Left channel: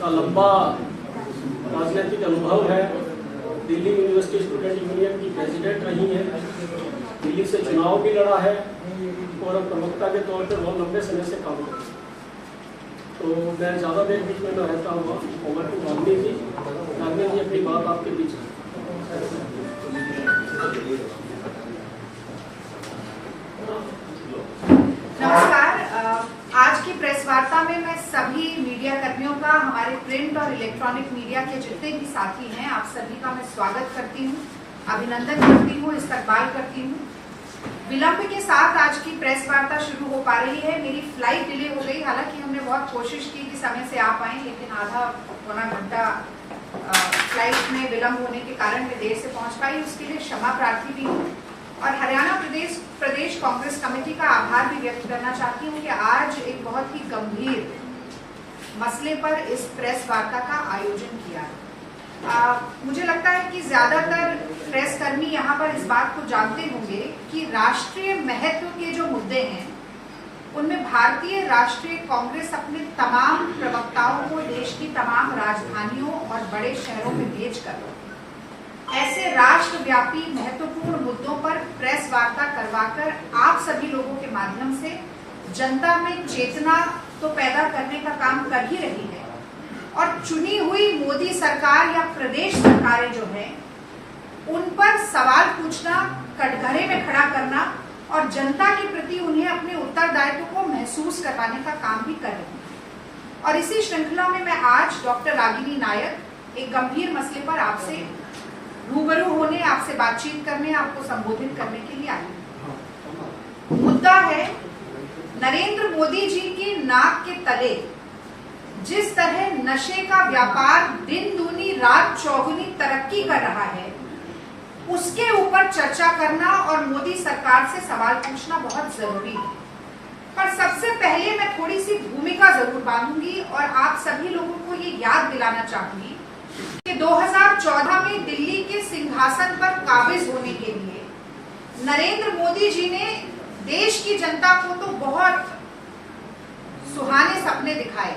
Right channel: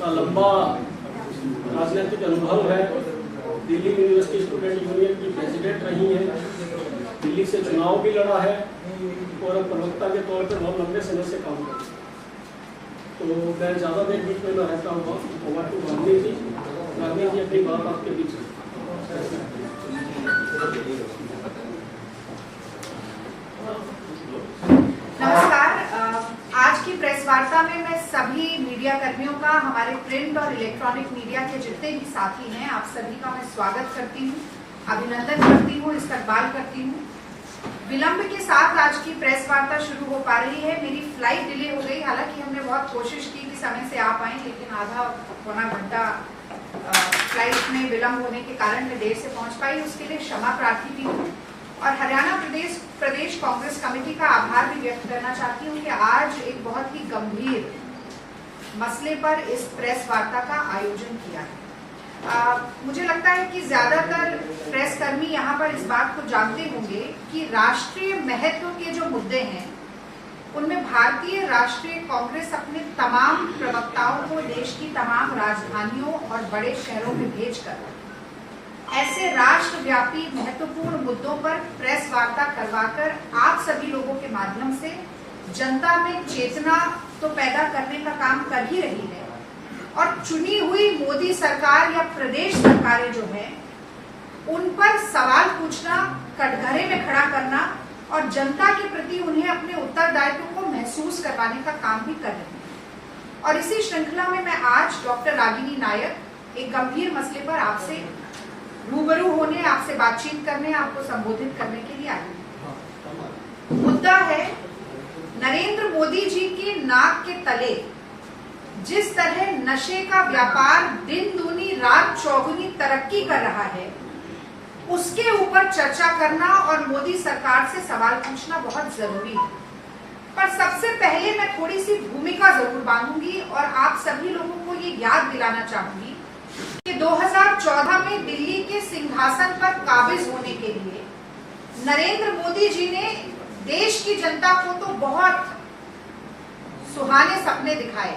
उनका लंबा राजनीतिक अनुभव है। दिल्ली यूनिवर्सिटी स्टूडेंट यूनियन की प्रेसिडेंट रही हैं, दिल्ली से चुनाव भी लड़ा है और प्रवक्ता के तौर पर बहुत लंबे समय से काम करते हैं। तो मैं ज़्यादा देर बीच में न रहता हुआ ओवर टू गांधी जी अपनी बात आपके बीच। नमस्कार। आज की प्रेस वार्ता में मैं सभी मीडिया कर्मियों का, हमारे प्रिंट और इलेक्ट्रॉनिक मीडिया के जितने भी साथी हैं, आप सभी का मैं स्वागत करती हूं, अभिनंदन करती हूं, इस्तकबाल करती हूं। विलंब के साथ आज की प्रेस वार्ता शुरू हो पा रही है। मेरी फ्लाइट डिले हो गई, हालांकि हमने बहुत कोशिश की कि समय से आ पाए, लेकिन आधा पौना घंटा फ्लाइट में विलंब होने के कारण मैं देर से पहुंच पाई। उसके लिए क्षमा प्रार्थी भी हूँ और हरियाणा प्रदेश कांग्रेस कमेटी का आभार भी व्यक्त करना चाहती हूँ कि आज एक बहुत ही गंभीर मसले पर इस प्रेस वार्ता का आयोजन किया है। मुझे लगता है कि ज्यादातर प्रेस कर्मी यहाँ पर इस बात को जानते होंगे कि राष्ट्रीय महत्व के जो मुद्दे हैं उनमें भारतीय राष्ट्रीय कांग्रेस अपने तमाम प्रवक्ताओं को देश की तमाम राजधानियों और बड़े शहरों में भेजकर ऐसे राष्ट्रव्यापी महत्वपूर्ण मुद्दों पर प्रेस वार्ता करवाकर आप सभी लोगों के माध्यम से जनता में चेतना तो पैदा करने का काम कर ही रही है और चुनी हुई मोदी सरकार या प्रदेश सरकारें जो है उन पर सवाल पूछना, कटघरे में खड़ा करना और जनता के प्रति उन्हें अपने उत्तरदायित्व को महसूस करवाने का काम भी कर रही है। और इसी श्रृंखला में मैं आज डॉक्टर रागिनी नायक एक गंभीर मसले पर आपसे रूबरू होने, आपसे बातचीत करने, आपको संबोधित करने के लिए आई हूं। मुद्दा है नरेंद्र मोदी जी की नाक के तले जिस तरह नशे का व्यापार दिन दूनी रात चौगुनी तरक्की कर रहा है, उसके ऊपर चर्चा करना और मोदी सरकार से सवाल पूछना बहुत जरूरी है। पर सबसे पहले मैं थोड़ी सी भूमिका जरूर बांधूंगी और आप सभी लोगों को ये याद दिलाना चाहूंगी कि 2014 में दिल्ली के सिंहासन पर काबिज होने के लिए नरेंद्र मोदी जी ने देश की जनता को तो बहुत सुहाने सपने दिखाए,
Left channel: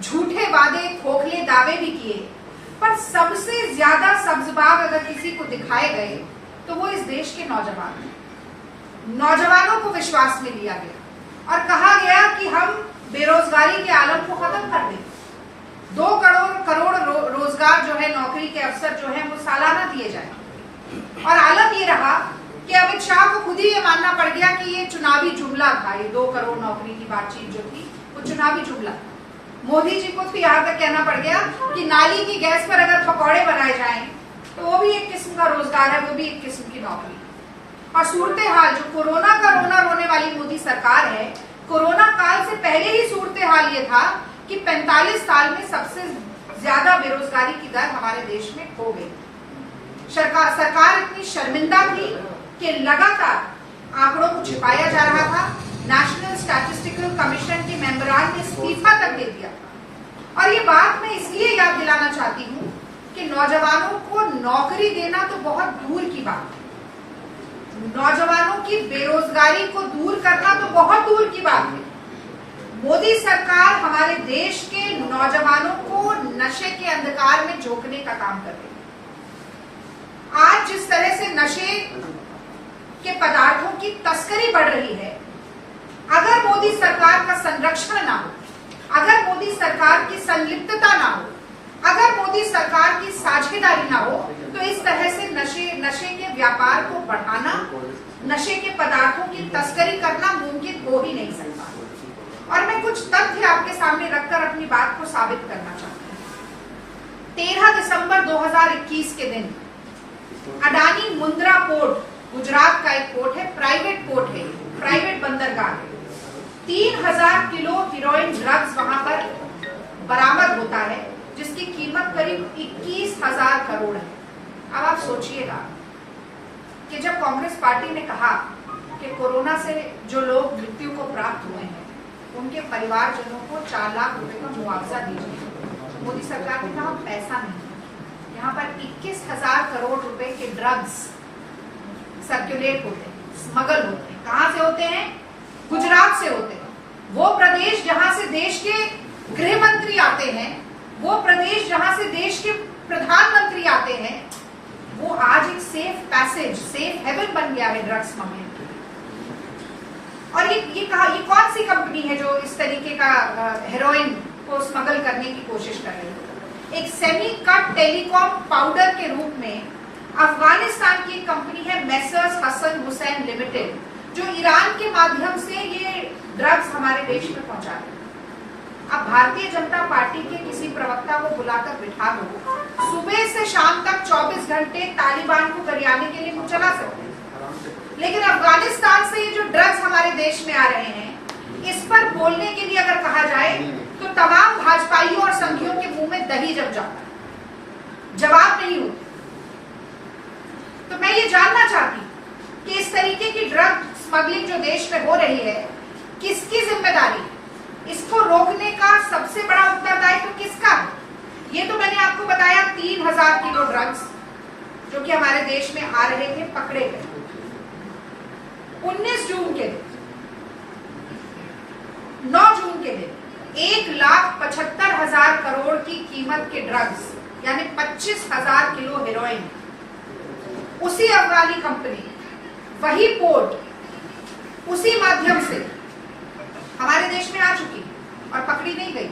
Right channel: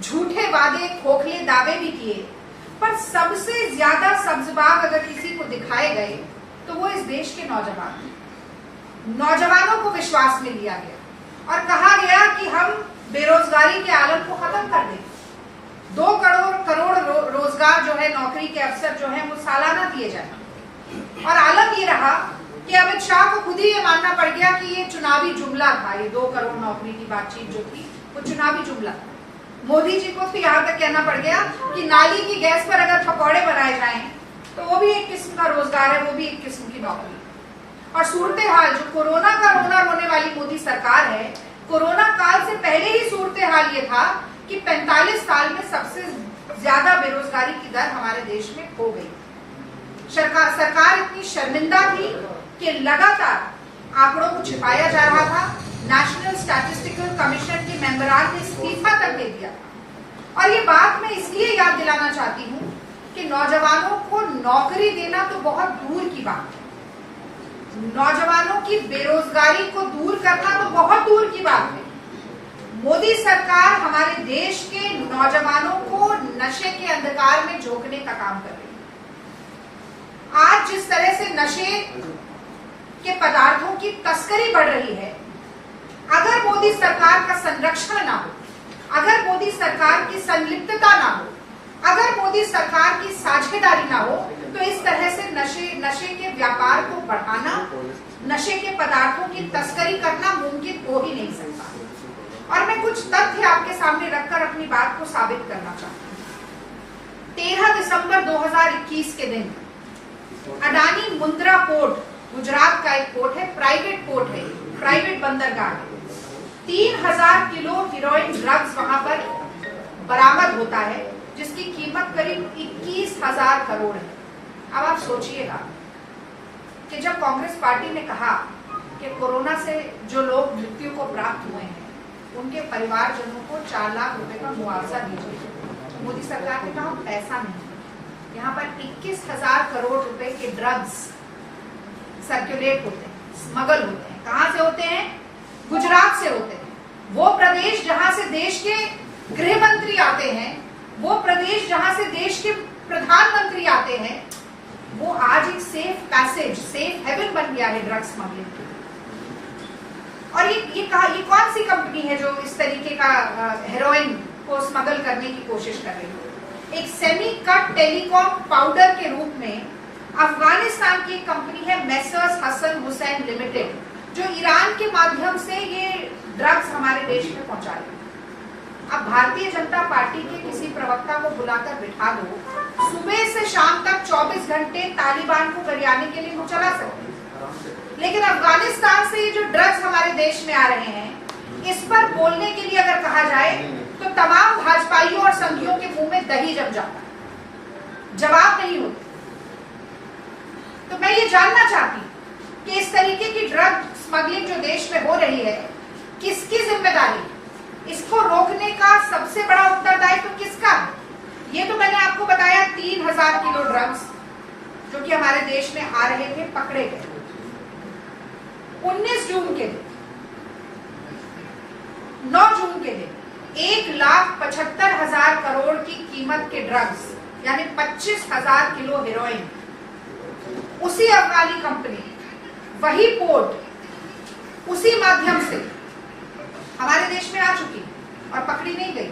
झूठे वादे, खोखले दावे भी किए, पर सबसे ज्यादा सब्जबाग अगर किसी को दिखाए गए तो वो इस देश के नौजवानों को विश्वास में लिया गया और कहा गया कि हम बेरोजगारी के आलम को खत्म कर देंगे। 2 करोड़ रोजगार जो है, नौकरी के अवसर जो है वो सालाना दिए जाए। और आलम ये रहा कि अमित शाह को खुद ही ये मानना पड़ गया कि ये चुनावी जुमला था। ये 2 करोड़ नौकरी की बातचीत जो थी वो चुनावी जुमला था। मोदी जी को तो यहाँ तक कहना पड़ गया कि नाली की गैस पर अगर पकौड़े बनाए जाएं तो वो भी एक किस्म का रोजगार है, वो भी एक किस्म की नौकरी। और सूरत हाल जो कोरोना का रोना रोने वाली मोदी सरकार है, कोरोना काल से पहले ही सूरत हाल ये था कि 45 साल में सबसे ज्यादा बेरोजगारी की दर हमारे देश में हो गई। सरकार इतनी शर्मिंदा थी कि लगातार आंकड़ों को छिपाया जा रहा था। नेशनल स्टैटिस्टिकल कमीशन के मेंबरान ने इस्तीफा तक दे दिया था। और ये बात मैं इसलिए याद दिलाना चाहती हूँ कि नौजवानों को नौकरी देना तो बहुत दूर की बात है, नौजवानों की बेरोजगारी को दूर करना तो बहुत दूर की बात है। मोदी सरकार हमारे देश के नौजवानों को नशे के अंधकार में झोंकने का काम कर रही है। आज जिस तरह से नशे के पदार्थों की तस्करी बढ़ रही है, अगर मोदी सरकार का संरक्षण ना हो, अगर मोदी सरकार की संलिप्तता ना हो, अगर मोदी सरकार की साझेदारी ना हो, तो इस तरह से नशे के व्यापार को बढ़ाना, नशे के पदार्थों की तस्करी करना मुमकिन हो ही नहीं सकता। और मैं कुछ तथ्य आपके सामने रखकर अपनी बात को साबित करना चाहती हूँ। 13 दिसंबर 2021 के दिन अडानी मुंद्रा पोर्ट, गुजरात का एक पोर्ट है, प्राइवेट पोर्ट है, प्राइवेट बंदरगाह है, 3000 किलो हीरोइन ड्रग्स वहां पर बरामद होता है, जिसकी कीमत करीब 21,000 करोड़ है। अब आप सोचिएगा कि जब कांग्रेस पार्टी ने कहा कि कोरोना से जो लोग मृत्यु को प्राप्त हुए हैं उनके परिवारजनों को 4 लाख रुपए का मुआवजा दीजिए, तो मोदी सरकार ने कहा पैसा नहीं। यहाँ पर 21,000 करोड़ रुपए के ड्रग्स सर्कुलेट होते हैं, स्मगल होते हैं। कहां से होते हैं? गुजरात से होते हैं। वो प्रदेश जहां से देश के गृह मंत्री आते हैं, वो प्रदेश जहां से देश के प्रधानमंत्री आते हैं, वो आज एक सेफ पैसेज, सेफ हेवन बन गया है ड्रग स्मगलिंग। और ये कौन सी कंपनी है जो इस तरीके का हेरोइन को स्मगल करने की कोशिश कर रही है? एक सेमी कट टेलीकॉम पाउडर के रूप में अफगानिस्तान की एक कंपनी है मेसर्स हसन हुसैन लिमिटेड, जो ईरान के माध्यम से ये ड्रग्स हमारे देश में पहुंचा रही है। अब भारतीय जनता पार्टी के किसी प्रवक्ता को बुलाकर बिठा दो, सुबह से शाम तक 24 घंटे तालिबान को गरियाने के लिए वो चला सकते हैं, लेकिन अफगानिस्तान से ये जो ड्रग्स हमारे देश में आ रहे हैं, इस पर बोलने के लिए अगर कहा जाए तो तमाम भाजपाइयों और संघियों के मुंह में दही जम जाता, जवाब नहीं होते। तो मैं ये जानना चाहती कि इस तरीके की ड्रग स्मगलिंग जो देश में हो रही है, किसकी जिम्मेदारी? इसको रोकने का सबसे बड़ा उत्तरदायित्व किसका है? ये तो मैंने आपको बताया 3000 किलो ड्रग्स जो कि हमारे देश में आ रहे थे, पकड़े गए। 19 जून के दिन, 9 जून के दिन 1,75,000 करोड़ की कीमत के ड्रग्स, यानी 25,000 किलो हेरोइन, उसी अफगानी कंपनी, वही पोर्ट, उसी माध्यम से हमारे देश में आ चुकी और पकड़ी नहीं गई।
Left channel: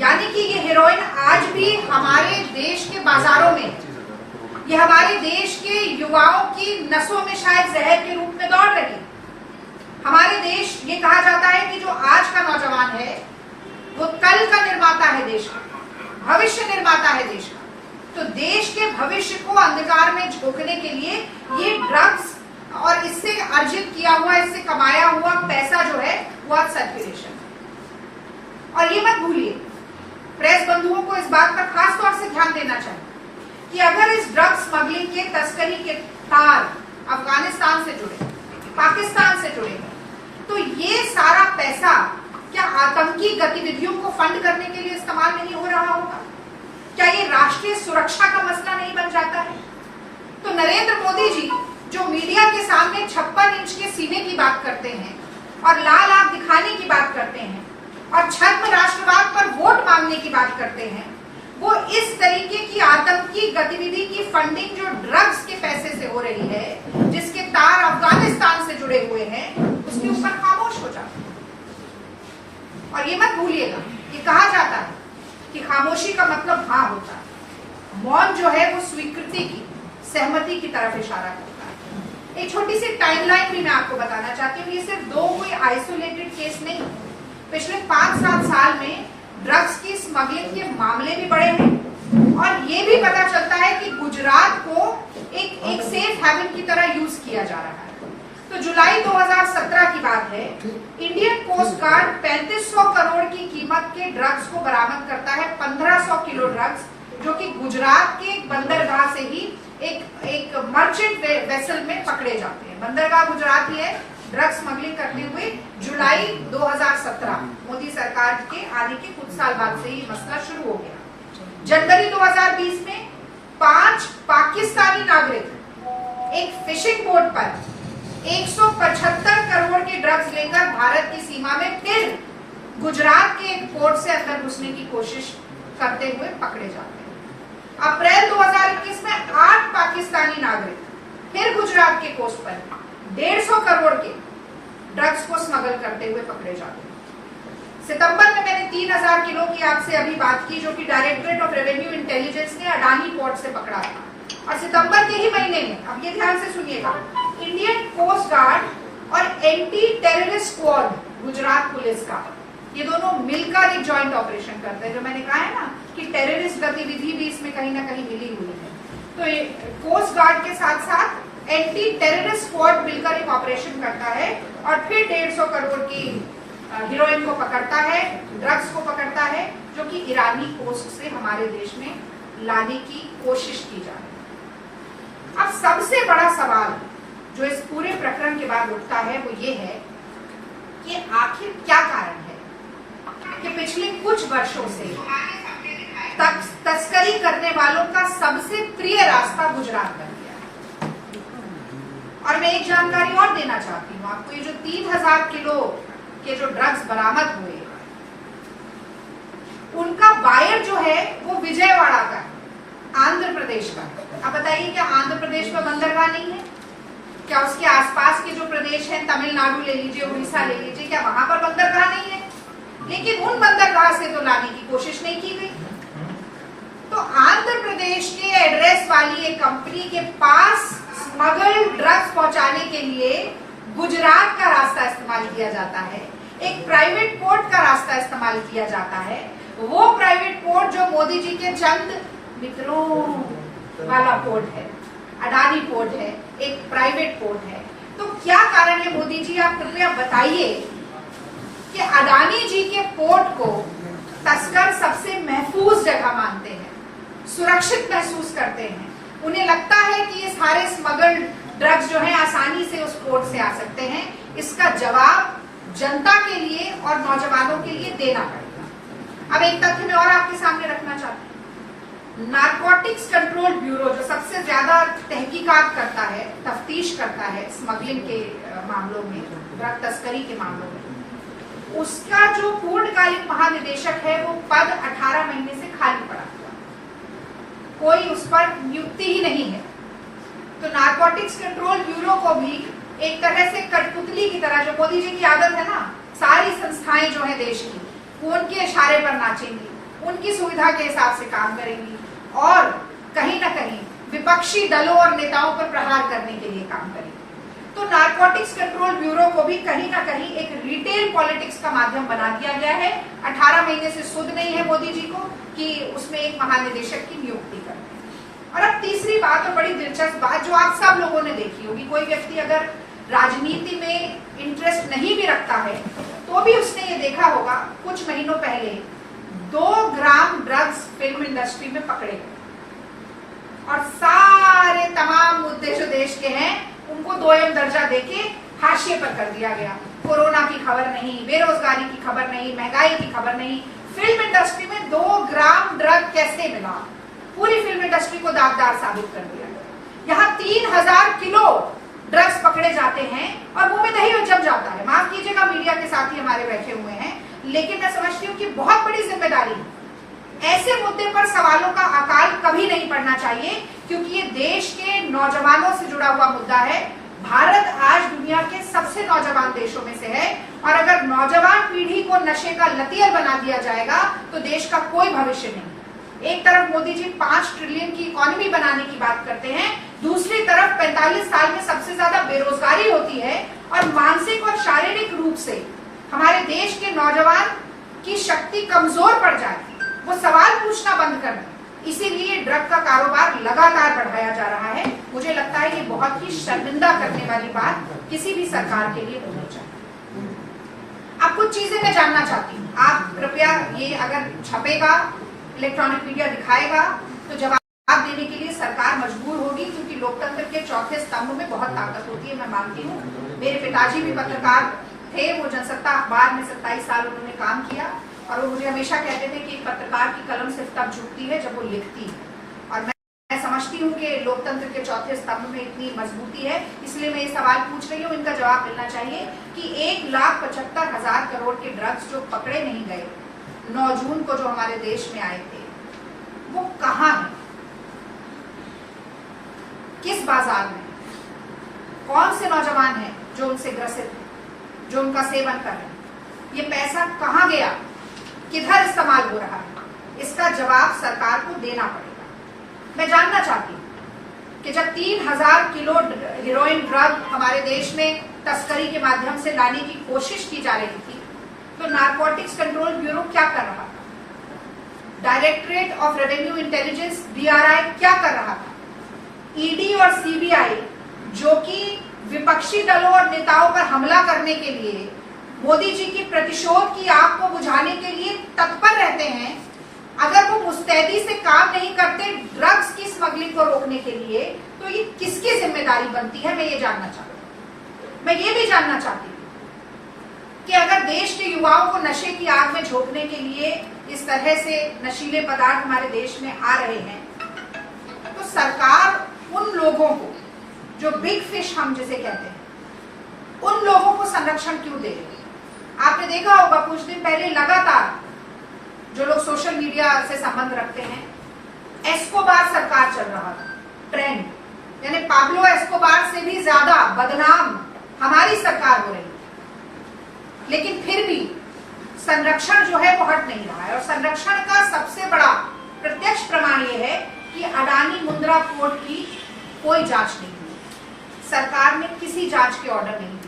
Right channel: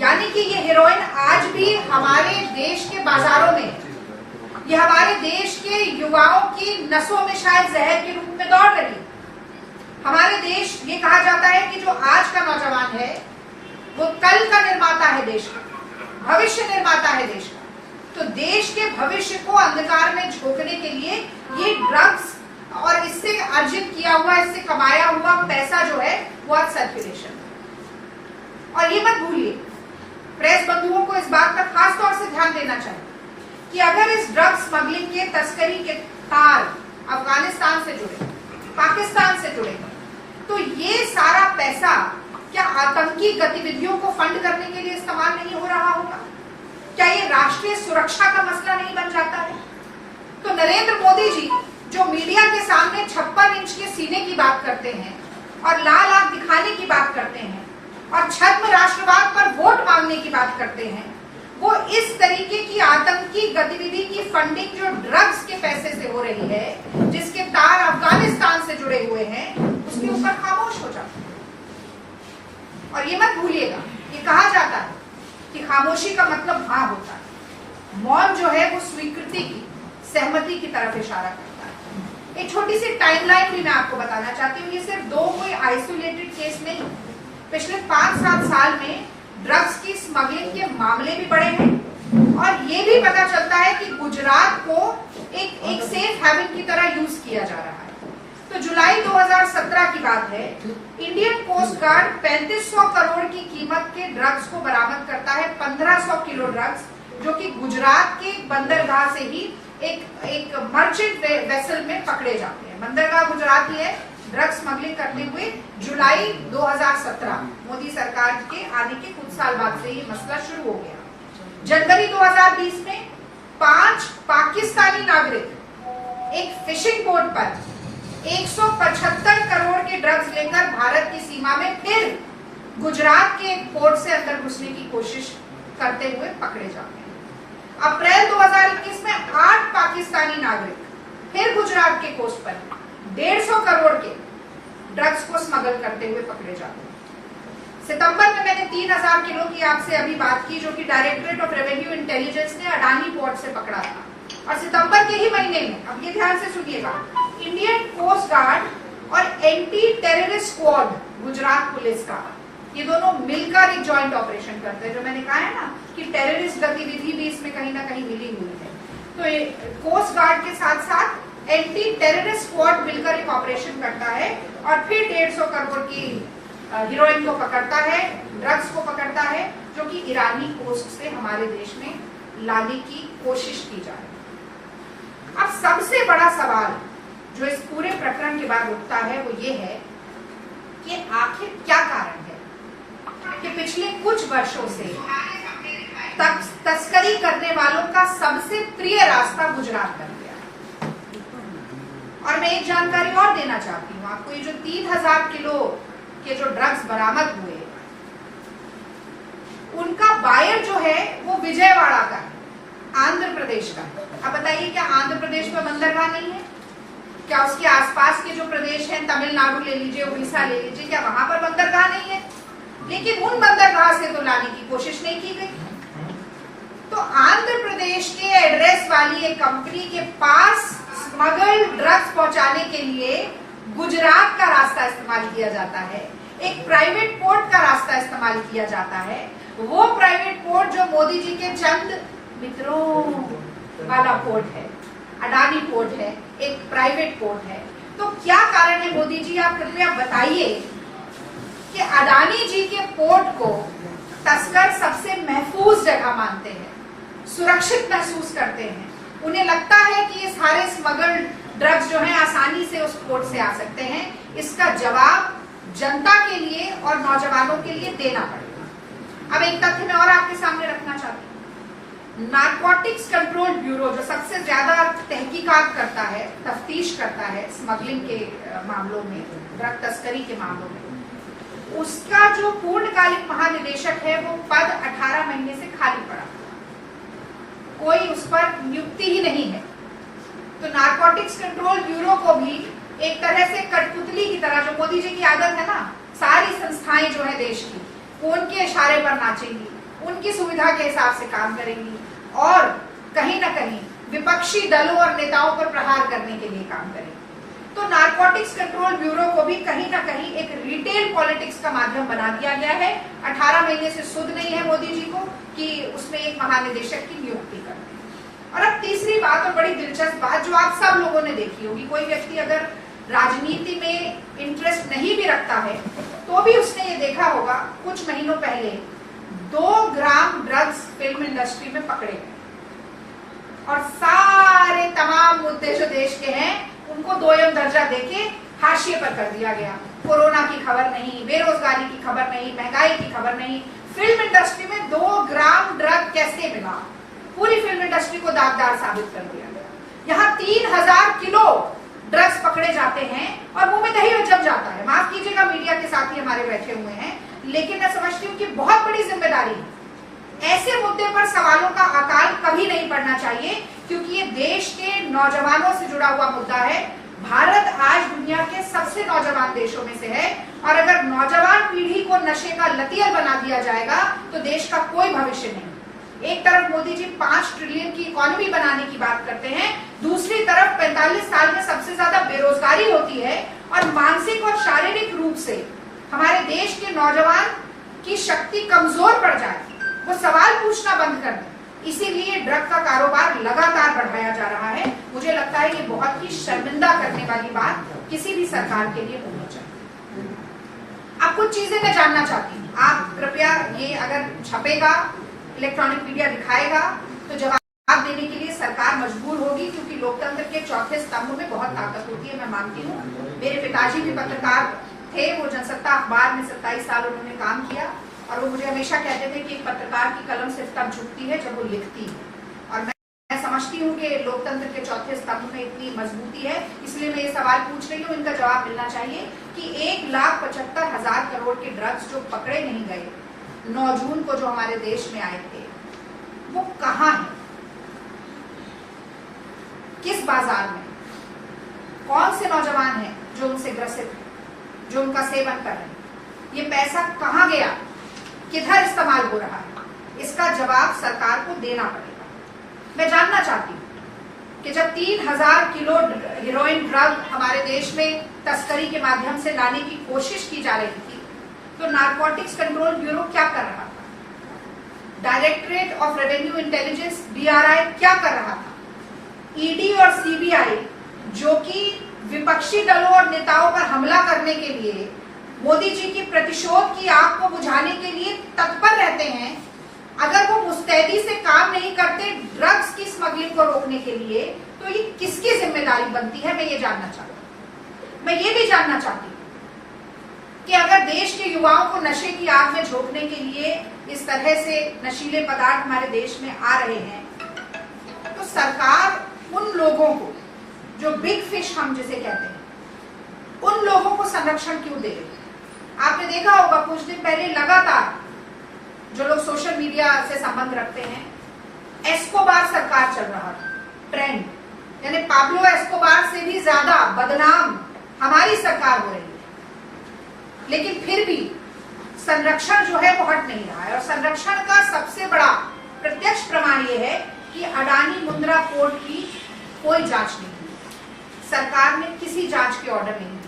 यानी कि ये हेरोइन आज भी हमारे देश के बाजारों में है, ये हमारे देश के युवाओं की नसों में शायद जहर के रूप में दौड़ रही है। हमारे देश, ये कहा जाता है कि जो आज का नौजवान है वो कल का निर्माता है देश का, भविष्य निर्माता है देश का। तो देश के भविष्य को अंधकार में झोंकने के लिए ये ड्रग्स और इससे अर्जित किया हुआ, इससे कमाया हुआ पैसा जो है वो आज सर्कुलेशन है। और ये मत भूलिए, प्रेस बंधुओं को इस बात पर खास तौर से ध्यान देना चाहिए कि अगर इस ड्रग स्मगलिंग के तस्करी के तार अफगानिस्तान से जुड़े, पाकिस्तान से जुड़े, तो ये सारा पैसा क्या आतंकी गतिविधियों को फंड करने के लिए इस्तेमाल नहीं हो रहा होगा? क्या ये राष्ट्रीय सुरक्षा का मसला नहीं बन जाता है? तो नरेंद्र मोदी जी जो मीडिया के सामने 56 इंच के सीने की बात करते हैं और लाल आंख दिखाने की बात करते हैं और छद्म राष्ट्रवाद पर वोट मांगने की बात करते हैं, वो इस तरीके की आतंकी गतिविधि की फंडिंग जो ड्रग्स के पैसे से हो रही है, जिसके तार अफगानिस्तान से जुड़े हुए हैं, उसके ऊपर खामोश हो जाते हैं। और ये मत भूलिएगा, ये कहा जाता है कि खामोशी का मतलब हाँ होता है। मौन जो है वो स्वीकृति की, सहमति की तरफ इशारा करता है। एक छोटी सी टाइमलाइन भी मैं आपको बताना चाहती हूँ। ये सिर्फ 2 कोई आइसोलेटेड केस नहीं, पिछले 5-7 साल में ड्रग्स की स्मगलिंग के मामले भी बढ़े हैं और ये भी पता चलता है कि गुजरात को एक सेफ हेवन की तरह यूज किया जा रहा है। तो जुलाई 2017 की बात है, इंडियन कोस्ट गार्ड 3500 करोड़ की कीमत के ड्रग्स को बरामद करता है, 1500 किलो ड्रग्स, जो कि गुजरात के बंदरगाह से ही एक मर्चेंट वेसल में पकड़े जाते हैं। बंदरगाह गुजरात ही है। ड्रग स्मगलिंग करते हुए जुलाई 2017 मोदी सरकार के आने के कुछ साल बाद से ये मसला शुरू हो गया। जनवरी 2020 में 5 पाकिस्तानी नागरिक एक फिशिंग बोट पर 175 करोड़ के ड्रग्स लेकर भारत की सीमा में फिर गुजरात के एक पोर्ट से अंदर घुसने की कोशिश करते हुए पकड़े जाते हैं। अप्रैल 2021 में 8 पाकिस्तानी नागरिक फिर गुजरात के कोस्ट पर 150 करोड़ के ड्रग्स को स्मगल करते हुए पकड़े जाते हैं। सितंबर में मैंने 3000 किलो की आपसे अभी बात की, जो कि डायरेक्टरेट ऑफ रेवेन्यू इंटेलिजेंस ने अडानी पोर्ट से पकड़ा था। और सितंबर के ही महीने में, अब ये ध्यान से सुनिएगा, इंडियन कोस्ट गार्ड और anti terrorist squad Gujarat police का, ये दोनों मिलकर एक ज्वाइंट ऑपरेशन करते हैं। जो मैंने कहा है ना कि टेररिस्ट गतिविधि भी इसमें कहीं ना कहीं मिली हुई है। तो कोस्ट गार्ड के साथ साथ एंटी टेररिस्ट स्क्वाड मिलकर एक ऑपरेशन करता है और फिर 150 करोड़ की हीरोइन को पकड़ता है, ड्रग्स को पकड़ता है, जो कि ईरानी कोस्ट से हमारे देश में लाने की कोशिश की जा रही है। अब सबसे बड़ा सवाल जो इस पूरे प्रकरण के बाद उठता है वो ये है कि आखिर क्या कारण है कि पिछले कुछ वर्षों से तस्करी करने वालों का सबसे प्रिय रास्ता गुजरात बन गया है। और मैं एक जानकारी और देना चाहती हूँ आपको, ये जो 3000 किलो के जो ड्रग्स बरामद हुए, उनका बायर जो है वो विजयवाड़ा का, आंध्र प्रदेश का। अब बताइए, क्या आंध्र प्रदेश में बंदरगाह नहीं है? क्या उसके आसपास के जो प्रदेश हैं, तमिलनाडु ले लीजिए, उड़ीसा ले लीजिए, क्या वहां पर बंदरगाह नहीं है? लेकिन उन बंदरगाह से तो लाने की कोशिश नहीं की गई। तो आंध्र प्रदेश के एड्रेस वाली एक कंपनी के पास स्मगल्ड ड्रग्स पहुंचाने के लिए गुजरात का रास्ता इस्तेमाल किया जाता है, एक प्राइवेट पोर्ट का रास्ता इस्तेमाल किया जाता है। वो प्राइवेट पोर्ट जो मोदी जी के चंद मित्रों वाला पोर्ट है, अडानी पोर्ट है, एक प्राइवेट पोर्ट है। तो क्या कारण है मोदी जी, आप कृपया बताइए कि अडानी जी के पोर्ट को तस्कर सबसे महफूज जगह मानते हैं, सुरक्षित महसूस करते हैं, उन्हें लगता है कि ये सारे स्मगल्ड ड्रग्स जो हैं आसानी से उस पोर्ट से आ सकते हैं। इसका जवाब जनता के लिए और नौजवानों के लिए देना पड़ेगा। अब एक तथ्य मैं और आपके सामने रखना चाहती हूँ। नारकोटिक्स कंट्रोल ब्यूरो जो सबसे ज्यादा तहकीकात करता है, तफ्तीश करता है स्मगलिंग के मामलों में, ड्रग तस्करी के मामलों में, उसका जो पूर्णकालिक महानिदेशक है वो पद 18 महीने से खाली पड़ा हुआ, कोई उस पर नियुक्ति ही नहीं है। तो नारकोटिक्स कंट्रोल ब्यूरो को भी एक तरह से कठपुतली की तरह, जो मोदी जी की आदत है ना, सारी संस्थाएं जो है देश की, वो उनके इशारे पर नाचेंगी, उनकी सुविधा के हिसाब से काम करेंगी और कहीं ना कहीं विपक्षी दलों और नेताओं पर प्रहार करने के लिए काम करेंगी। तो नारकोटिक्स कंट्रोल ब्यूरो को भी कहीं ना कहीं एक रिटेल पॉलिटिक्स का माध्यम बना दिया गया है। 18 महीने से सुध नहीं है मोदी जी को कि उसमें एक महानिदेशक की नियुक्ति करते हैं। और अब तीसरी बात और बड़ी दिलचस्प बात जो आप सब लोगों ने देखी होगी, कोई व्यक्ति अगर राजनीति में इंटरेस्ट नहीं भी रखता है तो भी उसने ये देखा होगा, कुछ महीनों पहले 2 ग्राम ड्रग्स फिल्म इंडस्ट्री में पकड़े गए और सारे तमाम मुद्दे जो देश के हैं उनको 2M दर्जा देके हाशिए पर कर दिया गया। कोरोना की खबर नहीं, बेरोजगारी की खबर नहीं, महंगाई की खबर नहीं, फिल्म इंडस्ट्री में 2 ग्राम ड्रग कैसे मिला, पूरी फिल्म इंडस्ट्री को दागदार साबित कर दिया गया। यहाँ 3000 किलो ड्रग्स पकड़े जाते हैं और मुंह में दही जम जाता है। माफ कीजिएगा, मीडिया के साथी हमारे बैठे हुए हैं, लेकिन मैं समझती हूँ कि बहुत बड़ी जिम्मेदारी है। ऐसे मुद्दे पर सवालों का अकाल कभी नहीं पड़ना चाहिए, क्योंकि ये देश के नौजवानों से जुड़ा हुआ मुद्दा है। भारत आज दुनिया के सबसे नौजवान देशों में से है और अगर नौजवान पीढ़ी को नशे का लतियल बना दिया जाएगा तो देश का कोई भविष्य नहीं। एक तरफ मोदी जी 5 ट्रिलियन की इकोनॉमी बनाने की बात करते हैं, दूसरी तरफ 45 साल में सबसे ज्यादा बेरोजगारी होती है और मानसिक और शारीरिक रूप से हमारे देश के नौजवान की शक्ति कमजोर पड़ जाए, वो सवाल पूछना बंद कर दें। इसीलिए ड्रग का कारोबार लगातार बढ़ाया जा रहा है। मुझे लगता है ये बहुत ही शर्मिंदा करने वाली बात किसी भी सरकार के लिए होनी चाहिए। अब कुछ चीजें मैं जानना चाहती हूँ, आप कृपया ये अगर छपेगा, इलेक्ट्रॉनिक मीडिया दिखाएगा तो जवाब देने के लिए सरकार मजबूर होगी, क्योंकि लोकतंत्र के चौथे स्तंभ में बहुत ताकत होती है, मैं मानती हूँ। मेरे पिताजी भी पत्रकार थे, वो जनसत्ता अखबार में 27 साल उन्होंने काम किया और वो मुझे हमेशा कहते थे कि एक पत्रकार की कलम सिर्फ तब झुकती है जब वो लिखती है। और मैं समझती हूँ कि लोकतंत्र के चौथे स्तंभ में इतनी मजबूती है, इसलिए मैं ये सवाल पूछ रही हूँ, इनका जवाब मिलना चाहिए कि 1,75,000 करोड़ के ड्रग्स जो पकड़े नहीं गए 9 जून को, जो हमारे देश में आए थे, वो कहाँ है, किस बाजार में, कौन से नौजवान हैं जो उनसे ग्रसित हैं, जो उनका सेवन कर रहे हैं, ये पैसा कहाँ गया, किधर इस्तेमाल हो रहा है, इसका जवाब सरकार को देना पड़ेगा। मैं जानना चाहती हूँ कि जब 3000 किलो हेरोइन ड्रग हमारे देश में तस्करी के माध्यम से लाने की कोशिश की जा रही थी, तो नारकोटिक्स कंट्रोल ब्यूरो क्या कर रहा था, directorate of revenue intelligence DRI क्या कर रहा था, ED और CBI जो कि विपक्षी दलों और नेताओं पर हमला करने के लिए, मोदी जी की प्रतिशोध की आग को बुझाने के लिए तत्पर रहते हैं, अगर वो मुस्तैदी से काम नहीं करते ड्रग्स की स्मगलिंग को रोकने के लिए, तो ये किसकी जिम्मेदारी बनती है, मैं ये जानना चाहती हूँ। मैं ये भी जानना चाहती हूँ कि अगर देश के युवाओं को नशे की आग में झोंकने के लिए इस तरह से नशीले पदार्थ हमारे देश में आ रहे हैं, तो सरकार उन लोगों को, जो बिग फिश हम जिसे कहते हैं, उन लोगों को संरक्षण क्यों दे रही है। आपने देखा होगा कुछ दिन पहले लगातार जो लोग सोशल मीडिया से संबंध रखते हैं, एस्कोबार सरकार चल रहा था, ट्रेंड, यानी पाब्लो एस्कोबार से भी ज्यादा बदनाम हमारी सरकार हो रही है। लेकिन फिर भी संरक्षण जो है वो हट नहीं रहा है, और संरक्षण का सबसे बड़ा प्रत्यक्ष प्रमाण ये है कि अडानी मुंद्रा पोर्ट की कोई जांच नहीं हुई, सरकार ने किसी जांच के ऑर्डर नहीं दिए।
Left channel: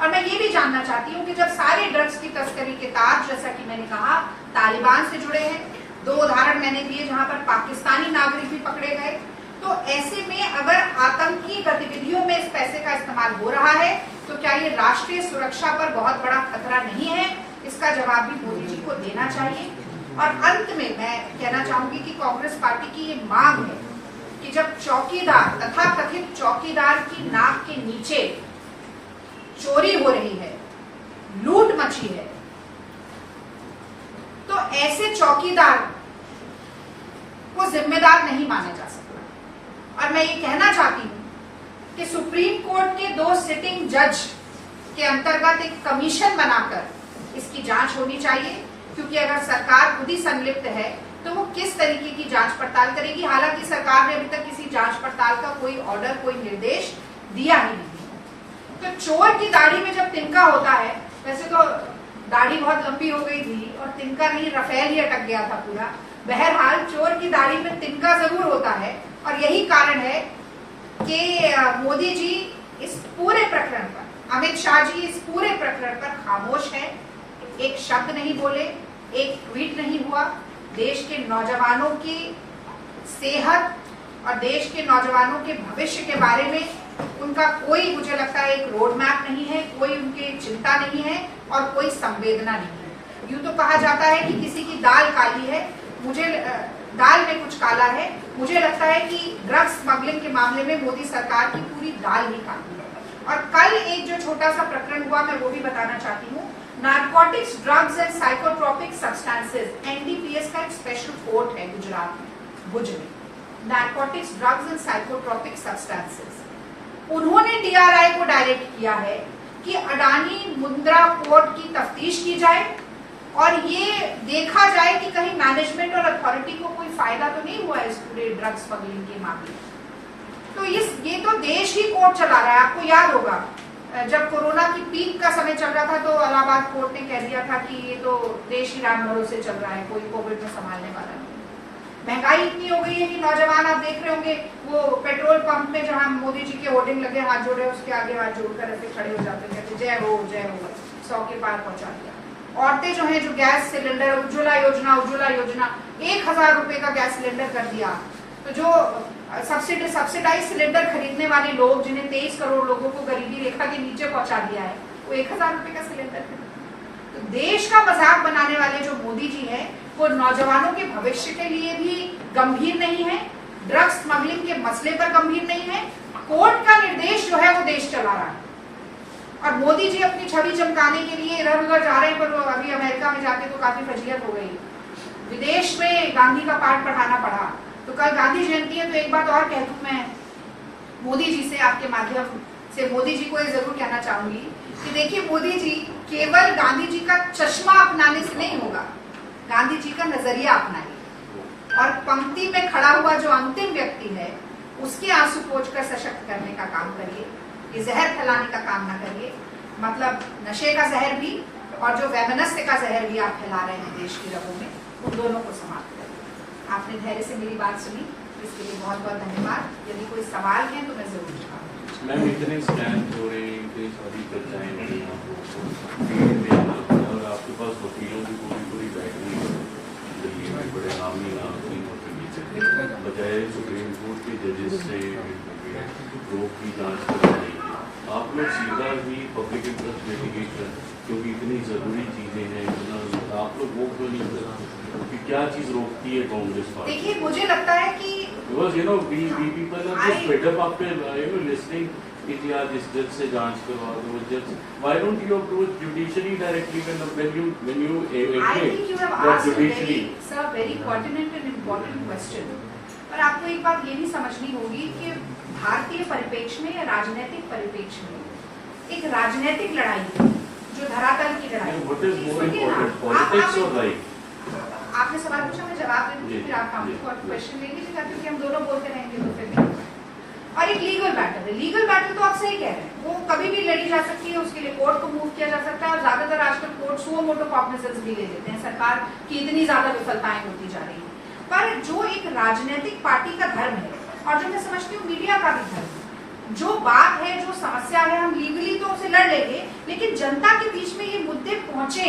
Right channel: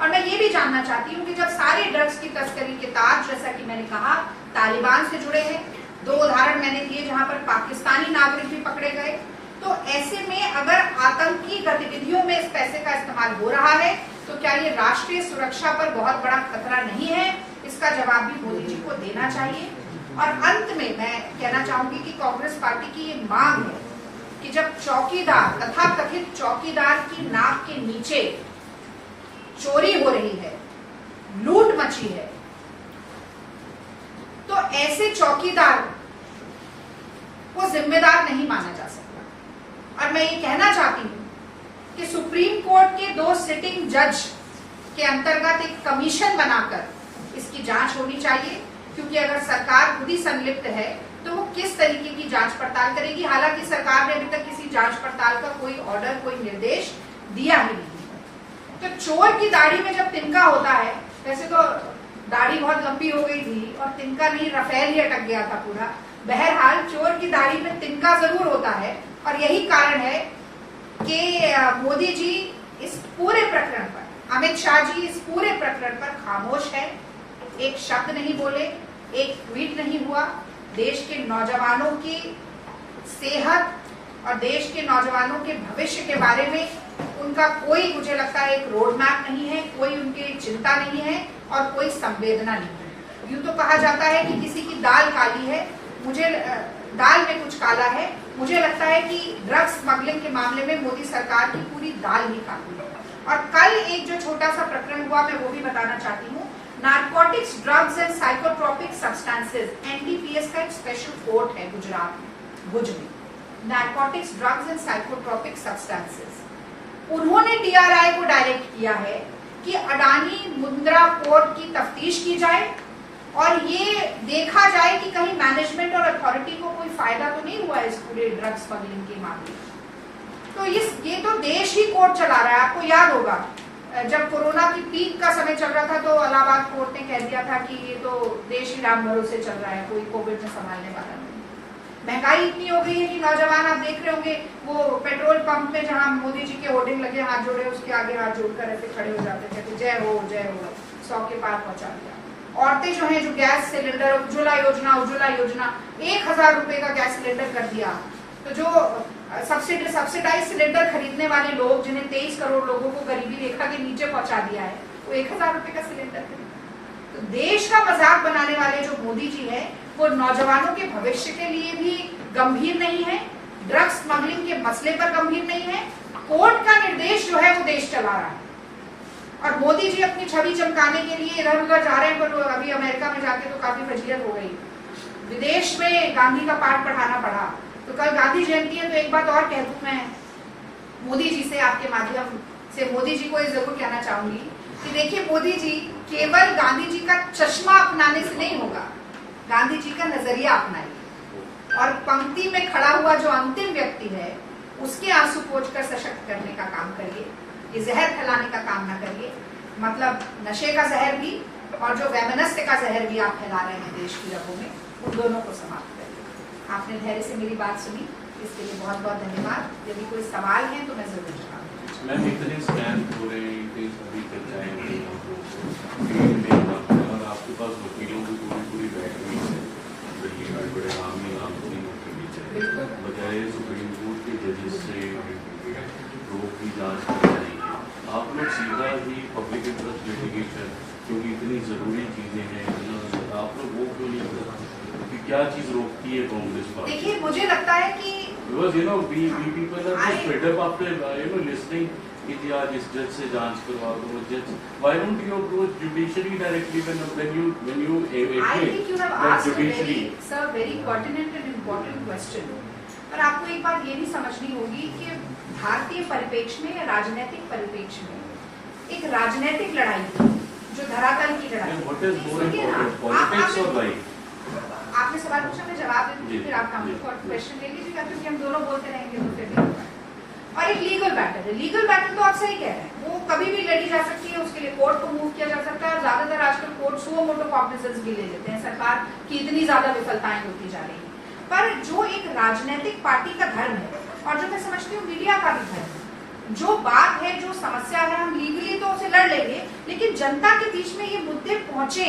और मैं ये भी जानना चाहती हूँ कि जब सारे ड्रग्स की तस्करी के तार, जैसा कि मैंने कहा, तालिबान से जुड़े हैं, 2 उदाहरण मैंने दिए जहां पर पाकिस्तानी नागरिक भी पकड़े गए, तो ऐसे में अगर आतंकी गतिविधियों में इस पैसे का इस्तेमाल हो रहा है तो क्या ये राष्ट्रीय सुरक्षा पर बहुत बड़ा खतरा नहीं है? इसका जवाब भी मोदी जी को देना चाहिए। और अंत में मैं कहना चाहूंगी कि कांग्रेस पार्टी की ये मांग है कि जब चौकीदार, तथाकथित चौकीदार की नाक के नीचे चोरी हो रही है, लूट मची है, तो ऐसे चौकीदार को जिम्मेदार नहीं माना जा सकता। और मैं ये कहना चाहती हूं कि सुप्रीम कोर्ट के 2 सिटिंग जज के अंतर्गत एक कमीशन बनाकर इसकी जांच होनी चाहिए, क्योंकि अगर सरकार खुद ही संलिप्त है तो वो किस तरीके की जांच पड़ताल करेगी। हालांकि सरकार ने अभी तक किसी जांच पड़ताल का कोई ऑर्डर, कोई निर्देश दिया ही नहीं। तो चोर की दाढ़ी में जब तिनका होता है, वैसे तो दाढ़ी बहुत लंबी हो गई थी और तिनका नहीं, रफेल ही अटक गया था पूरा। बहरहाल चोर की दाढ़ी में तिनका जरूर होता है, और यही कारण है कि मोदी जी इस पूरे प्रकरण पर, अमित शाह जी इस पूरे प्रकरण पर खामोश है, एक शब्द नहीं बोले, एक ट्वीट नहीं हुआ। देश के नौजवानों की सेहत और देश के नौजवानों के भविष्य के बारे में उनका कोई, मुझे लगता है, एक रोड मैप नहीं है, कोई उनकी चिंता नहीं है और कोई संवेदना नहीं है। यूं तो कहा जाता है कि किसी की दाल काली है, मुझे दाल में कुछ काला है। मुझे लगता है कि ड्रग्स स्मगलिंग के मामले में मोदी सरकार की पूरी दाल ही काली है। और कल एक जो छोटा सा प्रकरण हुआ, मैं वो भी बताना चाहती हूँ। Narcotics, drugs and psychotropic substances, NDPS का एक स्पेशल कोर्ट है गुजरात में, भुज में, narcotics, drugs and psychotropic substances. उन्होंने डीआरआई को डायरेक्ट किया है कि अडानी मुंद्रा पोर्ट की तफ्तीश की जाए और ये देखा जाए कि कहीं मैनेजमेंट और अथॉरिटी को कोई फायदा तो नहीं हुआ इस पूरे ड्रग स्मगलिंग के मामले में। तो ये तो देश ही कोर्ट चला रहा है। आपको याद होगा जब कोरोना की पीक का समय चल रहा था तो इलाहाबाद कोर्ट ने कह दिया था कि ये तो देश ही राम भरोसे चल रहा है, कोई कोविड में संभालने वाला नहीं। महंगाई इतनी हो गई है कि नौजवान, आप देख रहे होंगे, वो पेट्रोल पंप में जहां मोदी जी के होर्डिंग लगे, हाथ जोड़े, उसके आगे हाथ जोड़कर ऐसे खड़े हो जाते, कहते जय हो 100 के पार पहुंचा दिया। औरतें जो है, जो गैस सिलेंडर, उज्ज्वला योजना 1000 रुपए का गैस सिलेंडर कर दिया। तो जो सब्सिडाइज सिलेंडर खरीदने वाले लोग, जिन्हें 23 करोड़ लोगों को गरीबी रेखा के नीचे पहुंचा दिया है, वो 1000 रुपए का सिलेंडर खरीदा। तो देश का मजाक बनाने वाले जो मोदी जी है, वो नौजवानों के भविष्य के लिए भी गंभीर नहीं है, ड्रग्स स्मगलिंग के मसले पर गंभीर नहीं है, कोर्ट का निर्देश जो है वो देश चला रहा है। और मोदी जी अपनी छवि चमकाने के लिए इधर उधर जा रहे हैं, पर अभी अमेरिका में जाके तो काफी फजीयत हो गई। विदेश में गांधी का पाठ पढ़ाना पड़ा। तो कल गांधी जयंती है, तो एक बात और कह दूं मैं मोदी जी से, आपके माध्यम से मोदी जी को ये जरूर कहना चाहूंगी कि देखिए, मोदी जी केवल गांधी जी का चश्मा अपनाने से नहीं होगा, गांधी जी का नजरिया अपनाइए और पंक्ति में खड़ा हुआ जो अंतिम व्यक्ति है उसके आंसू पोंछकर सशक्त करने का काम करिए। ये जहर फैलाने का काम ना करिए, मतलब नशे का जहर भी और जो वैमनस्य का जहर भी आप फैला रहे हैं देश की रगों में, उन दोनों को समाप्त करिए। आपने धैर्य से मेरी बात सुनी, इसके लिए बहुत बहुत धन्यवाद। यदि कोई सवाल है तो मैं जरूर जवाब। मैम, इतने स्कैम हो रहे हैं कि सभी चर्चाएं हो रही हैं, और आपके पास वकीलों की पूरी बैठनी है दिल्ली में, बड़े आमी तीनों के नीचे, बजाय सुप्रीम कोर्ट के जजेस से रोक की जांच करनी चाहिए। आप लोग सीधा ही पब्लिक इंटरेस्ट लिटिगेशन, क्योंकि इतनी जरूरी चीजें हैं, आप लोग वो क्यों नहीं करते? क्या चीज रोकती है कांग्रेस पार्टी? देखिए, मुझे लगता है कि because we people are just fed up after listening कि यार इस जज से जांच करवा दो, जज, why don't you approach judiciary directly when you I think you have asked a very pertinent and important question। पर आपको एक बात ये भी समझनी होगी कि भारतीय परिप्रेक्ष्य में या राजनीतिक परिप्रेक्ष्य में एक राजनीतिक लड़ाई जो धरातल की लड़ाई, what is more important, politics or life? आपने सवाल पूछा, मैं जवाब दे दूंगी, फिर आप क्वेश्चन ले लीजिएगा, क्योंकि हम दोनों बोलते रहेंगे तो फिर नहीं होगा। और एक लीगल बैटल है, लीगल बैटल तो आप सही कह रहे हैं, वो कभी भी लड़ी जा सकती है, उसके लिए कोर्ट को मूव किया जा सकता है, और ज्यादातर आजकल कोर्ट सुओ मोटो कॉग्निजेंस भी ले लेते हैं, सरकार की इतनी ज्यादा विफलताएं होती जा रही है। पर जो एक राजनीतिक पार्टी का धर्म है, और जो मैं समझती हूँ मीडिया का भी धर्म है, जो बात है, जो समस्या है, हम लीगली तो उसे लड़ लेंगे, लेकिन जनता के बीच में ये मुद्दे पहुंचे,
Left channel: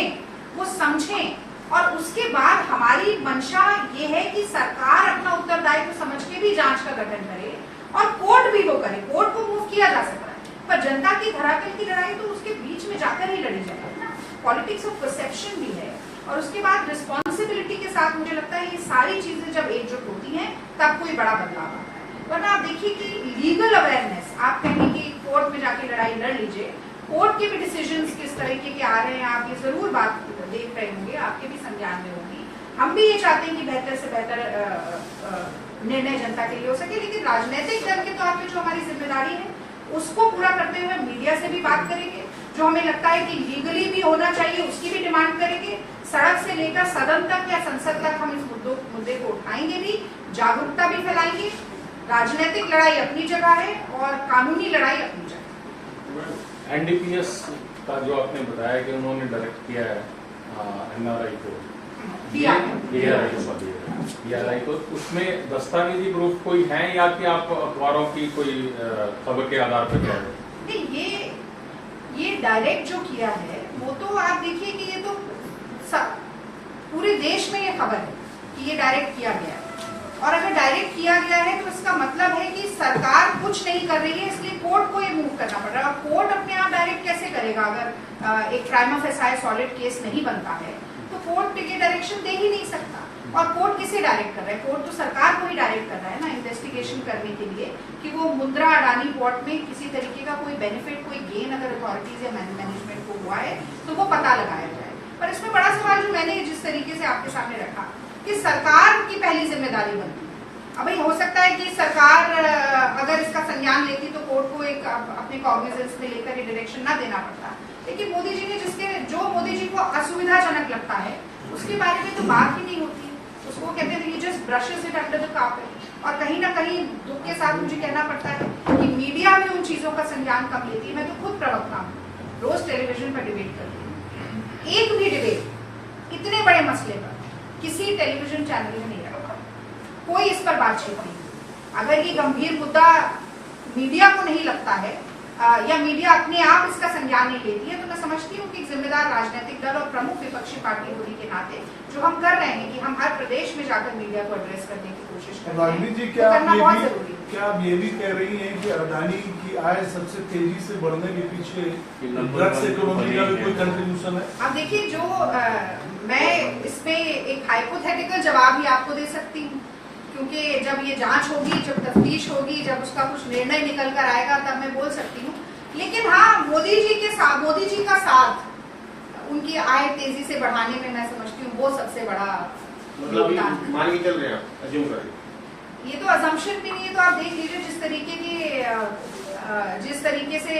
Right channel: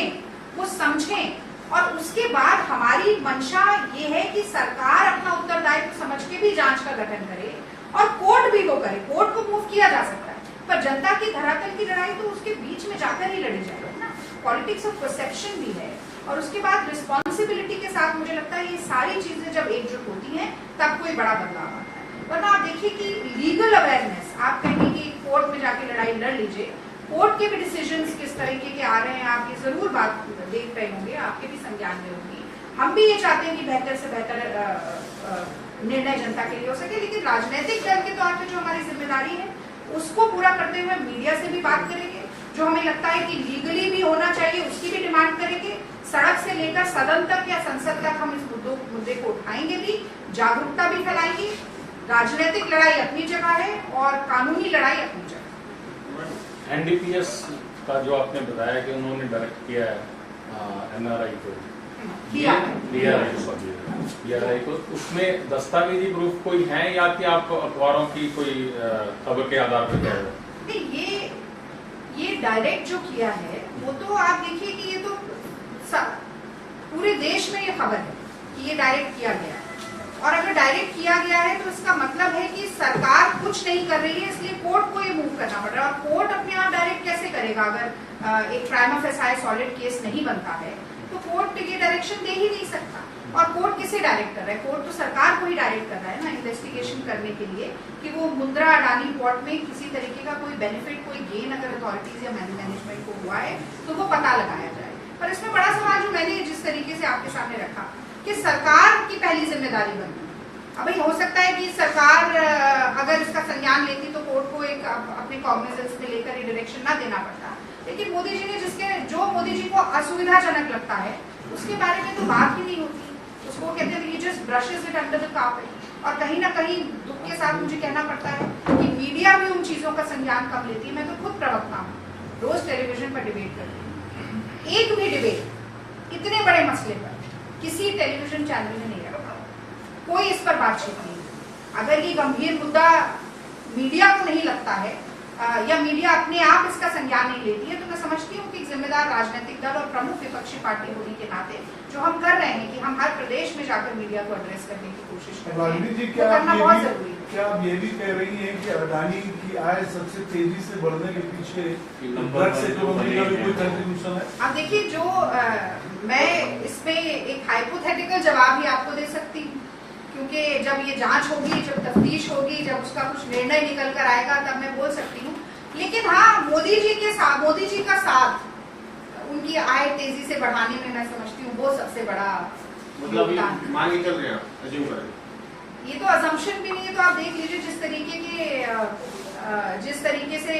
वो समझें, और उसके बाद हमारी मंशा ये है कि सरकार अपना उत्तरदायित्व समझ के भी जांच का गठन करे, और कोर्ट भी वो करे, कोर्ट को मूव किया जा सकता है, पर जनता की धरातल की लड़ाई तो उसके बीच में जाकर ही लड़ी जाएगी ना। पॉलिटिक्स ऑफ परसेप्शन भी है, और उसके बाद रिस्पॉन्सिबिलिटी के साथ मुझे लगता है ये सारी चीजें जब एकजुट होती हैं तब कोई बड़ा बदलाव आता है। वरना आप देखिए कि लीगल अवेयरनेस, आप कहेंगे कि कोर्ट में जाके लड़ाई लड़ लीजिए, कोर्ट के भी डिसीजंस किस तरीके के आ रहे हैं, आप ये जरूर बात देख रहे होंगे, आपके भी संज्ञान में होगी। हम भी ये चाहते हैं कि बेहतर से बेहतर निर्णय जनता के लिए हो सके, लेकिन राजनीतिक दल के तौर पे जो हमारी जिम्मेदारी है उसको पूरा करते हुए मीडिया से भी बात करेंगे, जो हमें लगता है कि लीगली भी होना चाहिए उसकी भी डिमांड करेंगे, सड़क से लेकर सदन तक या संसद तक हम इस मुद्दे को उठाएंगे भी, जागरूकता भी फैलाएंगे। राजनीतिक लड़ाई अपनी जगह है और कानूनी लड़ाई अपनी जगह। एनडीपीएस का जो आपने बताया कि उन्होंने डायरेक्ट किया है एनआरआई को, डीआरआई को, उसमें दस्तावेजी प्रूफ कोई है या कि आप अखबारों की कोई खबर के आधार पर कह रहे हो? नहीं, ये डायरेक्ट जो किया है वो तो आप देखिए कि ये तो पूरे देश में ये खबर है कि ये डायरेक्ट किया गया है, और अगर डायरेक्ट किया गया है तो इसका मतलब है कि सरकार कुछ नहीं कर रही है, इसलिए कोर्ट को ये मूव करना पड़ रहा है। और कोर्ट अपने आप डायरेक्ट कैसे करेगा? अगर एक प्राइमा फेसाई सॉलिड केस नहीं बनता है तो कोर्ट ये डायरेक्शन दे ही नहीं सकता। और कोर्ट किसे डायरेक्ट कर रहा है? कोर्ट तो सरकार को ही डायरेक्ट कर रहा है ना इन्वेस्टिगेशन करने के लिए, कि वो मुंद्रा अडानी पोर्ट में किसी तरीके का कोई बेनिफिट, कोई गेन अगर अथॉरिटीज या मैनेजमेंट को हुआ है तो वो पता लगाया जाए। पर इसमें बड़ा सवाल जो मैंने जिस तरीके से आपके सामने रखा कि सरकार की पहली जिम्मेदारी बनती है। अब हो सकता है कि सरकार अगर इसका संज्ञान लेती तो कोर्ट को एक अपने कॉग्निजेंस में लेकर ये डायरेक्शन ना देना पड़ता, लेकिन मोदी जी ने जो मोदी जी को असुविधाजनक लगता है उसके बारे में तो बात ही नहीं होती। उसको कहते हैं कि just brushes it under the carpet. और कहीं ना कहीं दुख के साथ मुझे कहना पड़ता है कि मीडिया भी उन चीजों का संज्ञान कम लेती है। मैं तो खुद प्रवक्ता हूँ, रोज टेलीविजन पर डिबेट करती हूँ, एक भी डिबेट इतने बड़े मसले पर किसी टेलीविजन चैनल ने नहीं रखा, कोई इस पर बातचीत नहीं। अगर ये गंभीर मुद्दा मीडिया को नहीं लगता है या मीडिया अपने आप इसका संज्ञान नहीं लेती है, तो मैं समझती हूँ कि एक जिम्मेदार राजनीतिक दल और प्रमुख विपक्षी पार्टी होने के नाते जो हम कर रहे हैं कि हम हर प्रदेश में जाकर मीडिया को एड्रेस करने की कोशिश कर रहे हैं, तो करना बहुत जरूरी है। क्या आप ये भी कह रही हैं कि अडानी की आय सबसे तेजी से बढ़ने के पीछे ड्रग्स इकोनॉमी का भी कोई कंट्रीब्यूशन है? अब देखिए, जो मैं इसमें एक हाइपोथेटिकल जवाब ही आपको दे सकती हूँ, क्योंकि जब ये जांच होगी, जब तफ्तीश होगी, जब उसका कुछ निर्णय निकल कर आएगा तब मैं बोल सकती हूँ। लेकिन हाँ, मोदी जी का साथ उनकी आय तेजी से बढ़ाने में मैं समझती हूँ वो सबसे बड़ा योगदान। मान के चल रहे हैं आप, अज्यूम कर रहे हैं। ये तो अजम्पशन भी नहीं है, तो आप देख लीजिए जिस तरीके से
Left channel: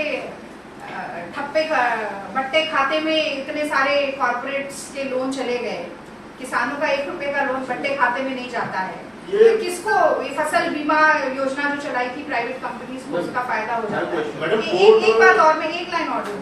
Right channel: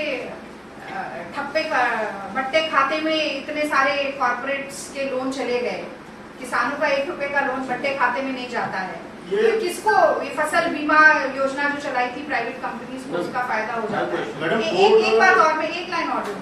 ठप्पे बट्टे खाते में इतने सारे कॉर्पोरेट्स के लोन चले गए, किसानों का 1 रुपए का लोन बट्टे खाते में नहीं जाता है, तो किसको ये फसल बीमा योजना जो चलाई थी प्राइवेट कंपनीज को, उसका फायदा हो जाता है। एक बात और, मैं एक लाइन और दूँ,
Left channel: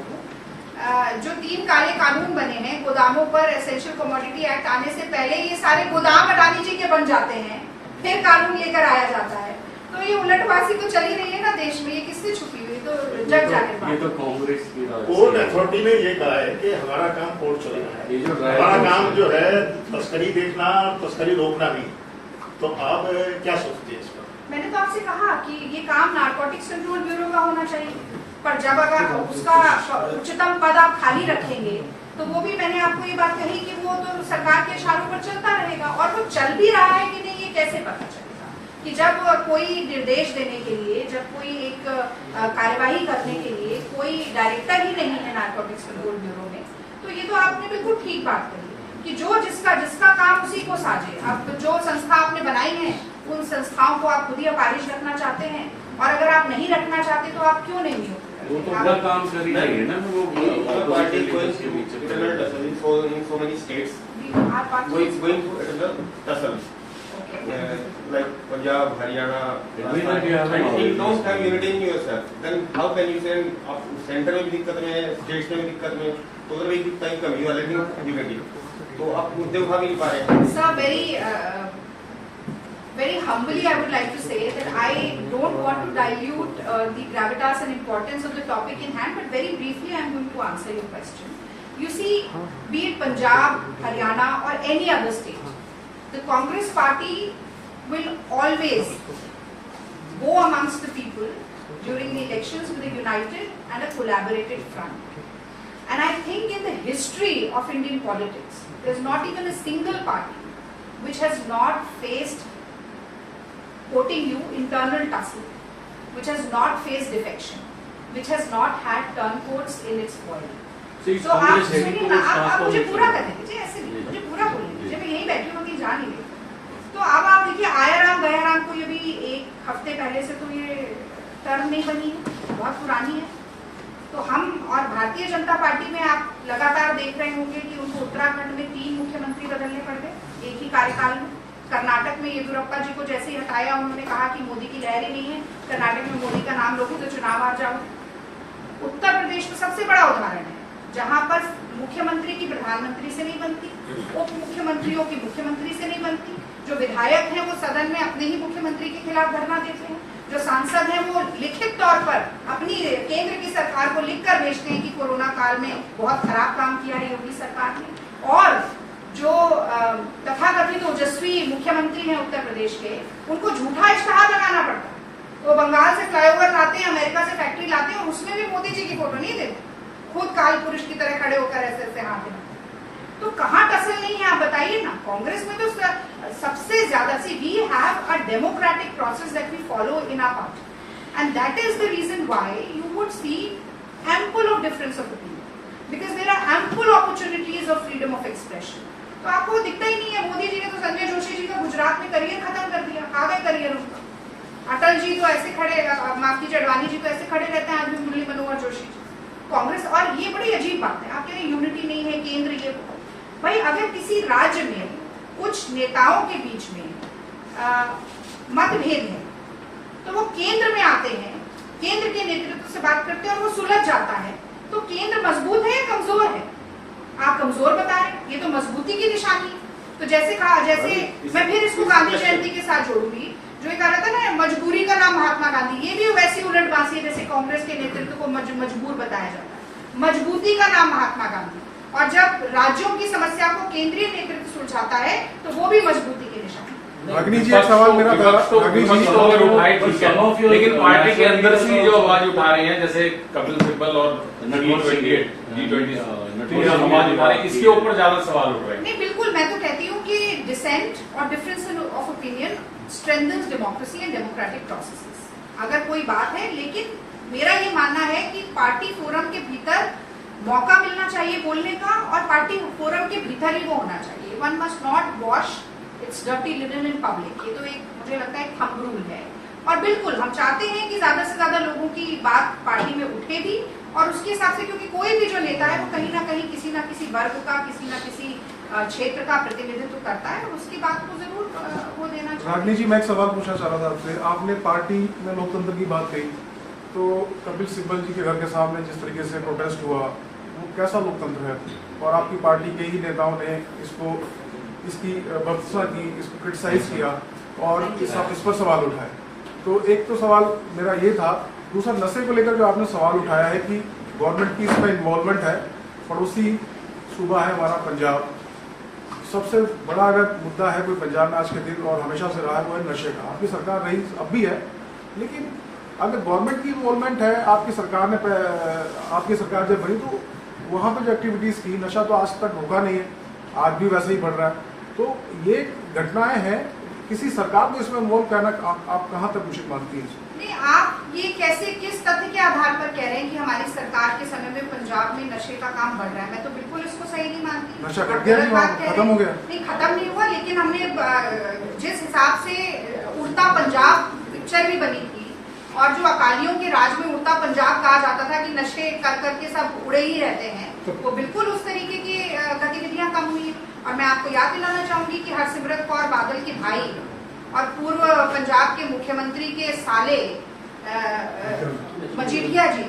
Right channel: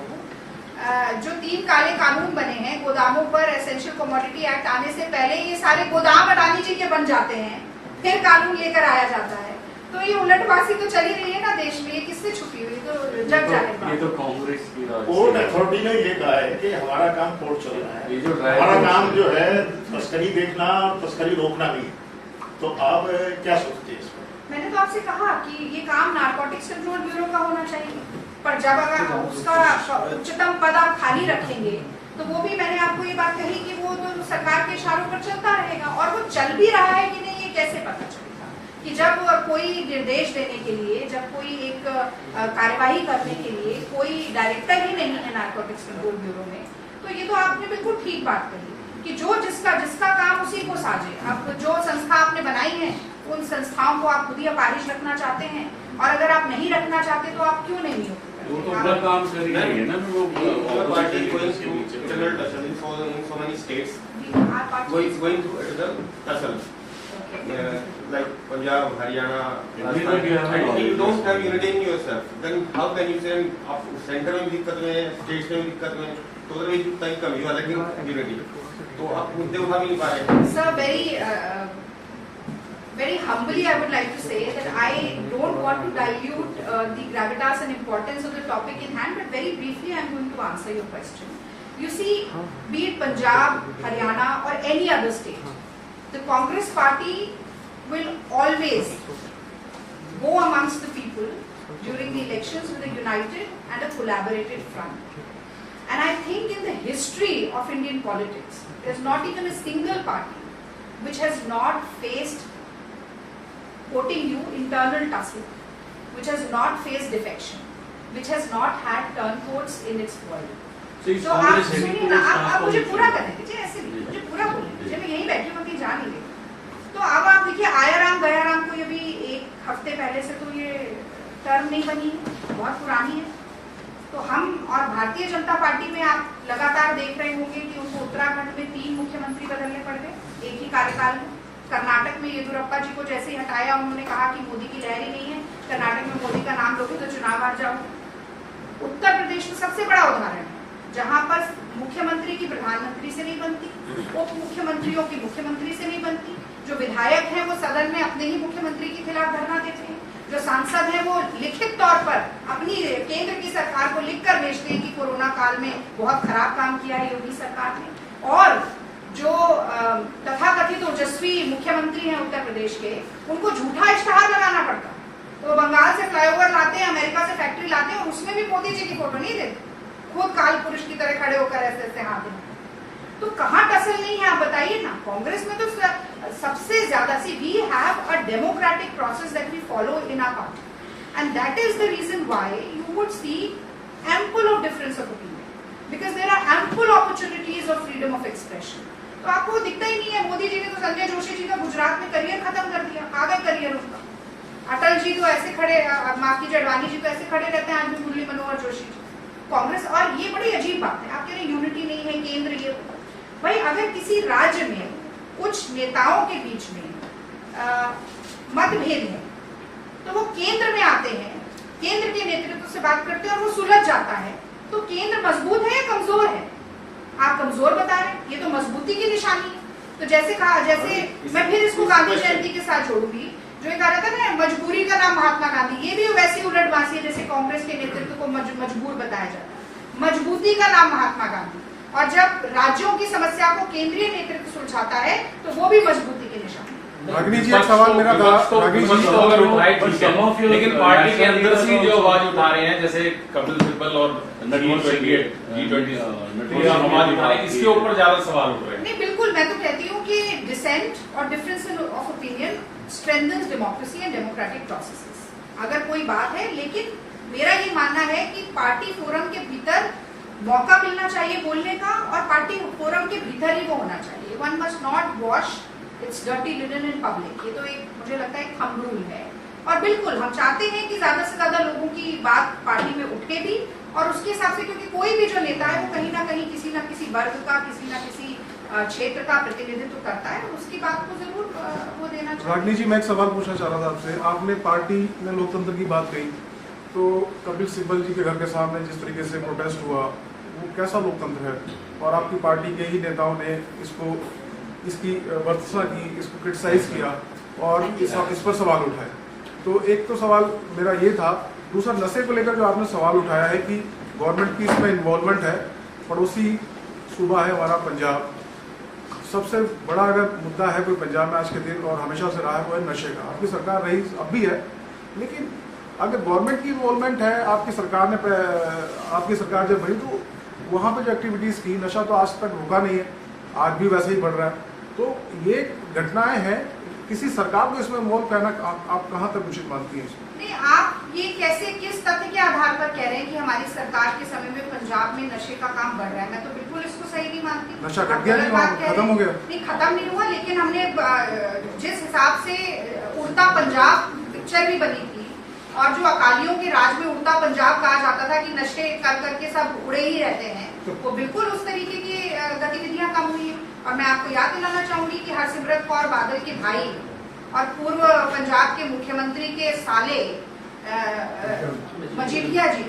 जो 3 काले कानून बने हैं गोदामों पर, एसेंशियल कमोडिटी एक्ट आने से पहले ये सारे गोदाम अडानी जी के बन जाते हैं, फिर कानून लेकर आया जाता है। तो ये उलटबाजी तो चली रही है ना देश में, ये किससे छुपी हुई? तो जग जाहिर बात। ये तो कांग्रेस की कोर्ट अथॉरिटी ने ये कहा है कि हमारा काम कोर्ट चल रहा है, हमारा काम जो है तस्करी देखना और तस्करी रोकना नहीं। तो आप क्या सोचते हैं इस पर? मैंने तो आपसे कहा कि ये काम नारकोटिक्स कंट्रोल ब्यूरो का होना चाहिए, पर जब अगर उसका उच्चतम पद आप खाली रखेंगे तो वो भी, मैंने आपको ये बात कही कि वो तो सरकार के इशारों पर चलता रहेगा। और वो चल भी रहा है कि नहीं, ये कैसे पता चलेगा? कि जब कोई निर्देश देने के लिए, जब कोई एक कार्यवाही करने के लिए कोई डायरेक्टर ही नहीं है नारकोटिक्स कंट्रोल ब्यूरो में, तो ये तो आपने बिल्कुल ठीक बात कही कि जो जिसका काम उसी को साजे। अब जो संस्था आपने बनाई है उन संस्थाओं को आप खुद ही अपारिश रखना चाहते हैं, और अगर आप नहीं रखना चाहते तो आप क्यों नहीं नियुक्त वो तो अपना काम कर ही रही है ना, वो party going through internal tussle in so many states. our party is going to another tussle, okay. like Punjab, Haryana, Everywhere you have and an if you don't organization. have unity in yourself, then how can you say आप centre में भी दिक्कत में, states में भी दिक्कत में, तो उधर भी टाइम कम है, अलग यूनिटी, तो आप मुद्दे उठा भी नहीं पा रहे। Sir, very humbly, I would like to say that I don't want to dilute the gravitas and importance of the topic in hand, but very briefly, I am going to answer your question. You see, be it Punjab, Haryana, or any other state, the Congress party will always go amongst the people during the elections with a united and a collaborated front. And I think in the history of Indian politics, there's not even a single party which has not faced, quoting you, internal tussle, which has not faced defection, which has not had turncoats in its foil. तो आप सुनिए ना, आप मुझे पूरा करने दीजिए, ऐसे नहीं, मुझे पूरा बोलने दीजिए, मैं यहीं बैठी हूँ, मैं कहीं जा नहीं रही। तो अब आप देखिए, आया राम गया राम को ये भी एक हफ्ते पहले से तो ये टर्म नहीं बनी, बहुत पुरानी है। तो हम और भारतीय जनता पार्टी में आप लगातार देख रहे होंगे कि उनको उत्तराखंड में 3 मुख्यमंत्री बदलने पड़ गए एक ही कार्यकाल में। कर्नाटक में येदियुरप्पा जी को जैसे ही हटाया, उन्होंने कहा कि मोदी की लहर ही नहीं है, कर्नाटक में मोदी का नाम लोगे तो चुनाव हार जाओगे। उत्तर प्रदेश में सबसे बड़ा उदाहरण है, जहां पर मुख्यमंत्री की प्रधानमंत्री से नहीं बनती, उप मुख्यमंत्रियों की मुख्यमंत्री से नहीं बनती, जो विधायक हैं वो सदन में अपने ही मुख्यमंत्री के खिलाफ धरना देते हैं, जो सांसद हैं वो लिखित तौर पर अपनी केंद्र की सरकार को लिखकर भेजते हैं कि कोरोना काल में बहुत खराब काम किया है योगी सरकार ने, और जो तथाकथित ओजस्वी मुख्यमंत्री हैं उत्तर प्रदेश के, उनको झूठा इश्तेहार लगाना पड़ता है। वो बंगाल से फ्लाईओवर लाते हैं, अमेरिका से फैक्ट्री लाते हैं, और उसमें भी मोदी जी की फोटो नहीं देते, खुद काल पुरुष की तरह खड़े होकर ऐसे ऐसे हाथ हिलाते। तो कहाँ टसल नहीं है, आप बताइए ना। कांग्रेस में तो सबसे ज्यादा see we have a democratic process that we follow in our party, and that is the reason why you would see ample of difference of opinion, because there are ample opportunities of freedom of expression. तो आपको दिखता ही नहीं है, मोदी जी ने तो संजय जोशी जी का गुजरात में career खत्म कर दिया, आ गए करियर उनका। अटल जी तो ऐसे खड़े, माफ कीजिए, अडवाणी जी तो ऐसे खड़े रहते हैं आज भी, मुरली मनोहर जोशी जी। कांग्रेस, और ये बड़ी अजीब बात है, आप कह रहे यूनिटी नहीं है, केंद्र ये भाई, अगर किसी राज्य में कुछ नेताओं के बीच में मतभेद है तो वो केंद्र में आते हैं, केंद्र के नेतृत्व से बात करते हैं और वो सुलझ जाता है, तो केंद्र मजबूत है या कमजोर है? आप कमजोर बता रहे हैं, ये तो मजबूती की निशानी है। तो जैसे कहा, जैसे मैं फिर इसको गांधी जयंती के साथ जोड़ूंगी, जो ये कहा रहता है ना, मजबूरी का नाम महात्मा गांधी, ये भी वैसी उलट बांसी है जैसे कांग्रेस के नेतृत्व को मजबूर बताया जाता है। मजबूती का नाम महात्मा गांधी, और जब राज्यों की समस्या को केंद्रीय नेतृत्व सुलझाता है तो वो भी मजबूती के निशान। रागिनी जी, एक सवाल मेरा था, रागिनी जी तो अगर उठाए ठीक है, लेकिन पार्टी के अंदर से जो आवाज उठा रहे हैं, जैसे कपिल सिब्बल और G20 आवाज उठा रहे हैं, इसके ऊपर ज्यादा सवाल उठ रहे हैं। नहीं, बिल्कुल, मैं तो कहती हूँ कि डिसेंट और difference of opinion strengthens democracy and democratic processes, अगर कोई बात है। लेकिन मेरा ये मानना है कि पार्टी फोरम के भीतर मौका मिलना चाहिए बोलने का, और पार्टी फोरम के भीतर ही वो होना चाहिए। One must not wash it's dirty linen in public, ये तो एक, मुझे लगता है, एक थंब रूल है। और बिल्कुल हम चाहते हैं कि ज्यादा से ज्यादा लोगों की बात पार्टी में उठे भी, और उसके हिसाब से, क्योंकि कोई भी जो नेता है वो कहीं ना कहीं किसी न किसी वर्ग का, किसी न किसी क्षेत्र का प्रतिनिधित्व करता है, और उसकी बात को जरूर वो देना चाहिए। रागिनी जी, मैं एक सवाल पूछना चाह रहा था आपसे। आपने पार्टी में लोकतंत्र की बात कही, तो कपिल सिब्बल जी के घर के सामने जिस तरीके से प्रोटेस्ट हुआ, वो कैसा लोकतंत्र है? और आपकी पार्टी के ही नेताओं ने इसकी वर्चस्व की, इसको क्रिटिसाइज किया और इस पर सवाल उठाए। तो एक तो सवाल मेरा ये था। दूसरा, नशे को लेकर जो आपने सवाल उठाया है कि गवर्नमेंट की इसमें इन्वॉल्वमेंट है, पड़ोसी सूबा है हमारा पंजाब, सबसे बड़ा अगर मुद्दा है कोई पंजाब में आज के दिन और हमेशा से रहा है, वो है नशे का। आपकी सरकार रही अब भी है, लेकिन अगर गवर्नमेंट की इन्वॉल्वमेंट है, आपकी सरकार जब बनी तो वहां पे जो एक्टिविटीज की, नशा तो आज तक रुका नहीं है, आज भी वैसे ही बढ़ रहा है। तो ये घटनाएं हैं, किसी सरकार को इसमें इन्वॉल्व करना आप कहाँ तक उचित मानती हैं? नहीं, आप ये कैसे, किस तथ्य के आधार पर कह रहे हैं कि हमारी सरकार के समय में पंजाब में नशे का काम बढ़ रहा है? मैं तो बिल्कुल इसको सही नहीं मानती। नशा घट गया, खत्म हो गया? नहीं, खत्म नहीं हुआ, लेकिन हमने जिस हिसाब से उड़ता पंजाब पिक्चर भी बनी थी, और जो अकालियों के राज में उड़ता पंजाब कहा जाता था कि नशे कर करके सब उड़े ही रहते हैं, वो बिल्कुल उस तरीके की गतिविधियां कम हुई है। और मैं आपको याद दिलाना चाहूंगी कि हरसिमरत कौर बादल के भाई और पूर्व पंजाब के मुख्यमंत्री के साले मजीठिया जी,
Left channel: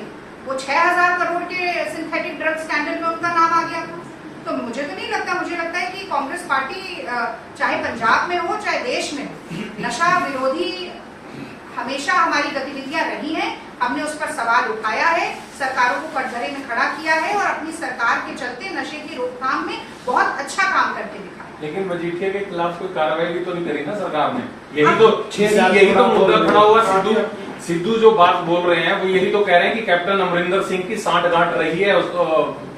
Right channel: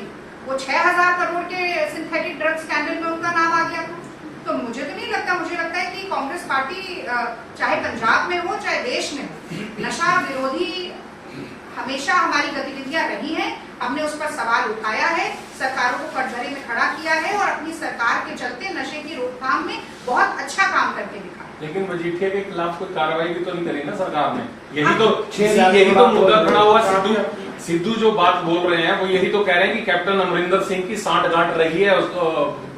वो 6,000 करोड़ के सिंथेटिक ड्रग स्कैंडल में उनका नाम आ गया था। तो मुझे तो नहीं लगता, मुझे लगता है कि कांग्रेस पार्टी चाहे पंजाब में हो चाहे देश में हो, नशा विरोधी हमेशा हमारी गतिविधियां रही हैं। हमने उस पर सवाल उठाया है, सरकारों को कटघरे में खड़ा किया है और अपनी सरकार के चलते नशे की रोकथाम में बहुत अच्छा काम करके दिखाया। लेकिन मजीठिया के खिलाफ कोई कार्रवाई भी तो नहीं करी ना सरकार ने। यही तो मुद्दा खड़ा हुआ। सिद्धू जो बात बोल रहे हैं वो यही तो कह रहे हैं कि कैप्टन अमरिंदर सिंह की सांठगांठ रही है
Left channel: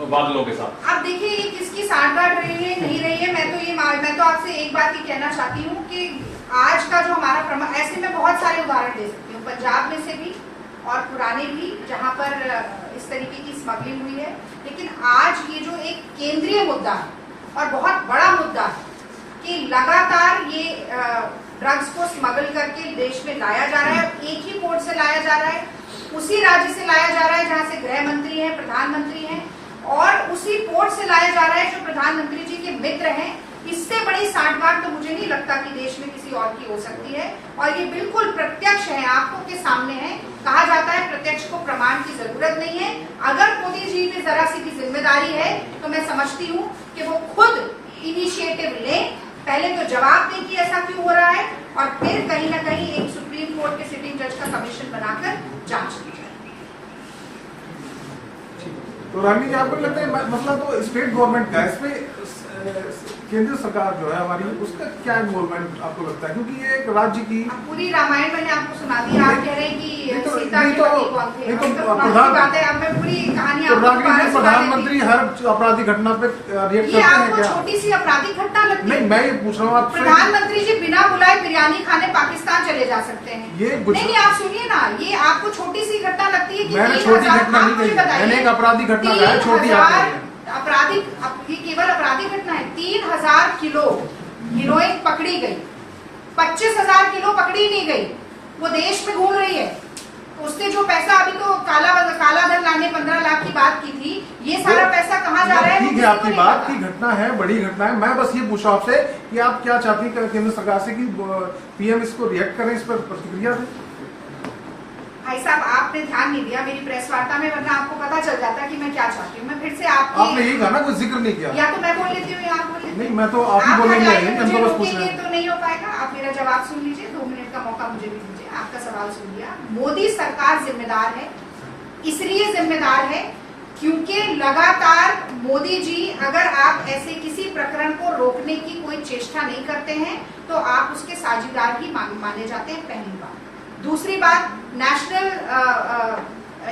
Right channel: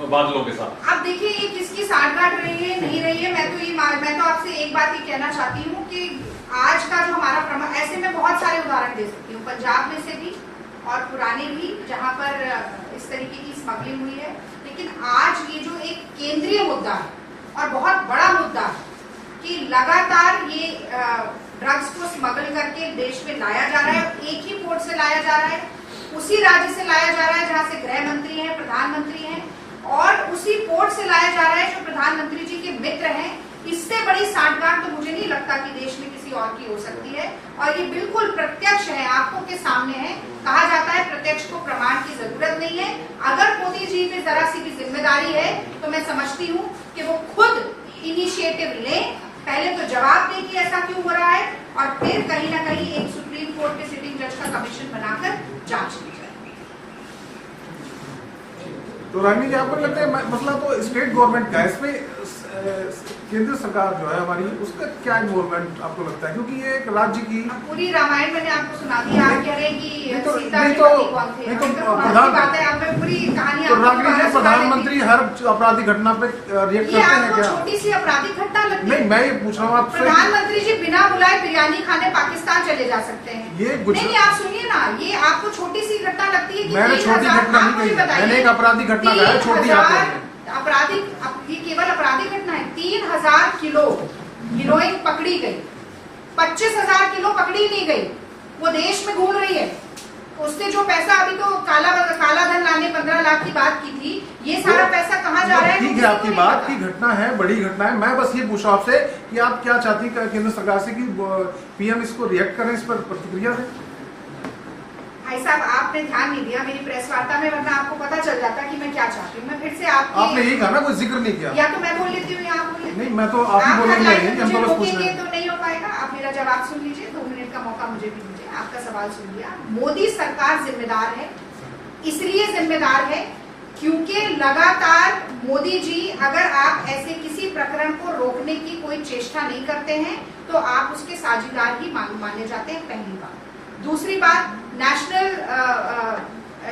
बादलों के साथ। अब देखिए ये किसकी सांठगांठ रही है नहीं रही है, मैं तो आपसे एक बात ही कहना चाहती हूँ कि आज का जो हमारा ऐसे में बहुत सारे उदाहरण दे सकती हूँ, पंजाब में से भी और पुराने भी, जहां पर इस तरीके की स्मगलिंग हुई है। लेकिन आज ये जो एक केंद्रीय मुद्दा है और बहुत बड़ा मुद्दा है कि लगातार ये ड्रग्स को स्मगल करके देश में लाया जा रहा है, एक ही पोर्ट से लाया जा रहा है, उसी राज्य से लाया जा रहा है जहां से गृह मंत्री हैं, प्रधानमंत्री हैं, और उसी पोर्ट से लाया जा रहा है जो प्रधानमंत्री जी के मित्र हैं। इससे बड़ी सांठगांठ तो मुझे नहीं लगता कि देश में किसी और की हो सकती है, और ये बिल्कुल प्रत्यक्ष है, आंखों के सामने है। कहा जाता है प्रत्यक्ष को प्रमाण की जरूरत नहीं है। अगर मोदी जी में जरा सी भी जिम्मेदारी है तो मैं समझती हूँ कि वो खुद इनिशिएटिव लें, पहले तो जवाब दें कि ऐसा क्यों हो रहा है, और फिर कहीं ना कहीं एक सुप्रीम कोर्ट के सिटिंग जज का कमीशन बनाकर जांच की जाए। तो रानी जी, आपको लगता है मसला तो स्टेट गवर्नमेंट का है, इसमें केंद्र सरकार जो है हमारी, उसका क्या इन्वॉल्वमेंट आपको लगता है? क्योंकि ये एक राज्य की पूरी रामायण मैंने आपको सुना दी, आप कह रहे हैं कि सीता के तो पति कौन थे? बात है, अब मैं पूरी कहानी आपको प्रधानमंत्री हर आपराधिक घटना पे रिएक्ट ये करते हैं आपको क्या? छोटी सी आपराधिक घटना लगती है? नहीं, मैं ये पूछ रहा हूँ आपसे। प्रधानमंत्री जी बिना बुलाए बिरयानी खाने पाकिस्तान चले जा सकते हैं। नहीं, आप सुनिए ना, ये आपको छोटी सी घटना लगती है कि मैंने छोटी घटना नहीं कही, मैंने एक आपराधिक घटना कहा है, छोटी आपराधिक, ये केवल आपराधिक घटना है। 3,000 किलो हीरोइन पकड़ी गई, 25,000 किलो पकड़ी नहीं गई, वो देश में घूम रही है। उससे जो पैसा, अभी तो काला धन लाने 15 लाख की बात की थी, ये सारा पैसा कहाँ जा रहा है? ठीक है, आपकी बात की घटना है, बड़ी घटना है। मैं बस ये पूछा आपसे कि आप क्या चाहती हैं केंद्र सरकार से कि पीएम इसको रिएक्ट करें, इस पर प्रतिक्रिया दें? भाई साहब, आपने ध्यान नहीं दिया मेरी प्रेस वार्ता में, वरना आपको पता चल जाता कि मैं क्या चाहती हूँ। मैं फिर से आपने यही कहा ना, कोई जिक्र नहीं किया। या तो मैं बोल लेती हूँ या आप बोल लेती। नहीं, मैं तो आप ही बोलेंगे, हम तो बस पूछ रहे हैं। तो नहीं हो पाएगा। आप मेरा जवाब सुन लीजिए, 2 मिनट का मौका मुझे भी दीजिए। आपका सवाल सुन लिया। मोदी सरकार जिम्मेदार है, इसलिए जिम्मेदार है क्योंकि लगातार मोदी जी, अगर आप ऐसे किसी प्रकरण को रोकने की कोई चेष्टा नहीं करते हैं तो आप उसके साझेदार ही माने जाते हैं, पहली बात। दूसरी बात, नेशनल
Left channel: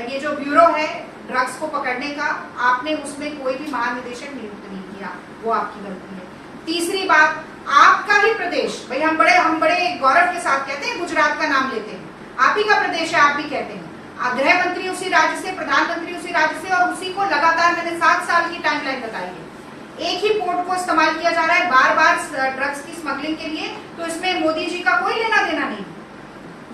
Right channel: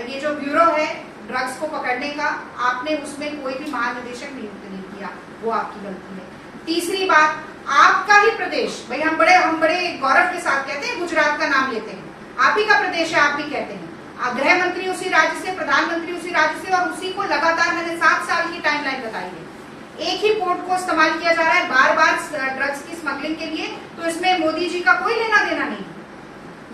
ये जो ब्यूरो है ड्रग्स को पकड़ने का, आपने उसमें कोई भी महानिदेशक नियुक्त नहीं किया, वो आपकी गलती है। तीसरी बात, आपका ही प्रदेश, भाई हम बड़े गौरव के साथ कहते हैं, गुजरात का नाम लेते हैं, आप ही का प्रदेश है, आप भी कहते हैं। गृह मंत्री उसी राज्य से, प्रधानमंत्री उसी राज्य से, और उसी को लगातार मैंने 7 साल की टाइमलाइन बताई है। एक ही पोर्ट को इस्तेमाल किया जा रहा है बार बार ड्रग्स की स्मगलिंग के लिए, तो इसमें मोदी जी का कोई लेना देना नहीं।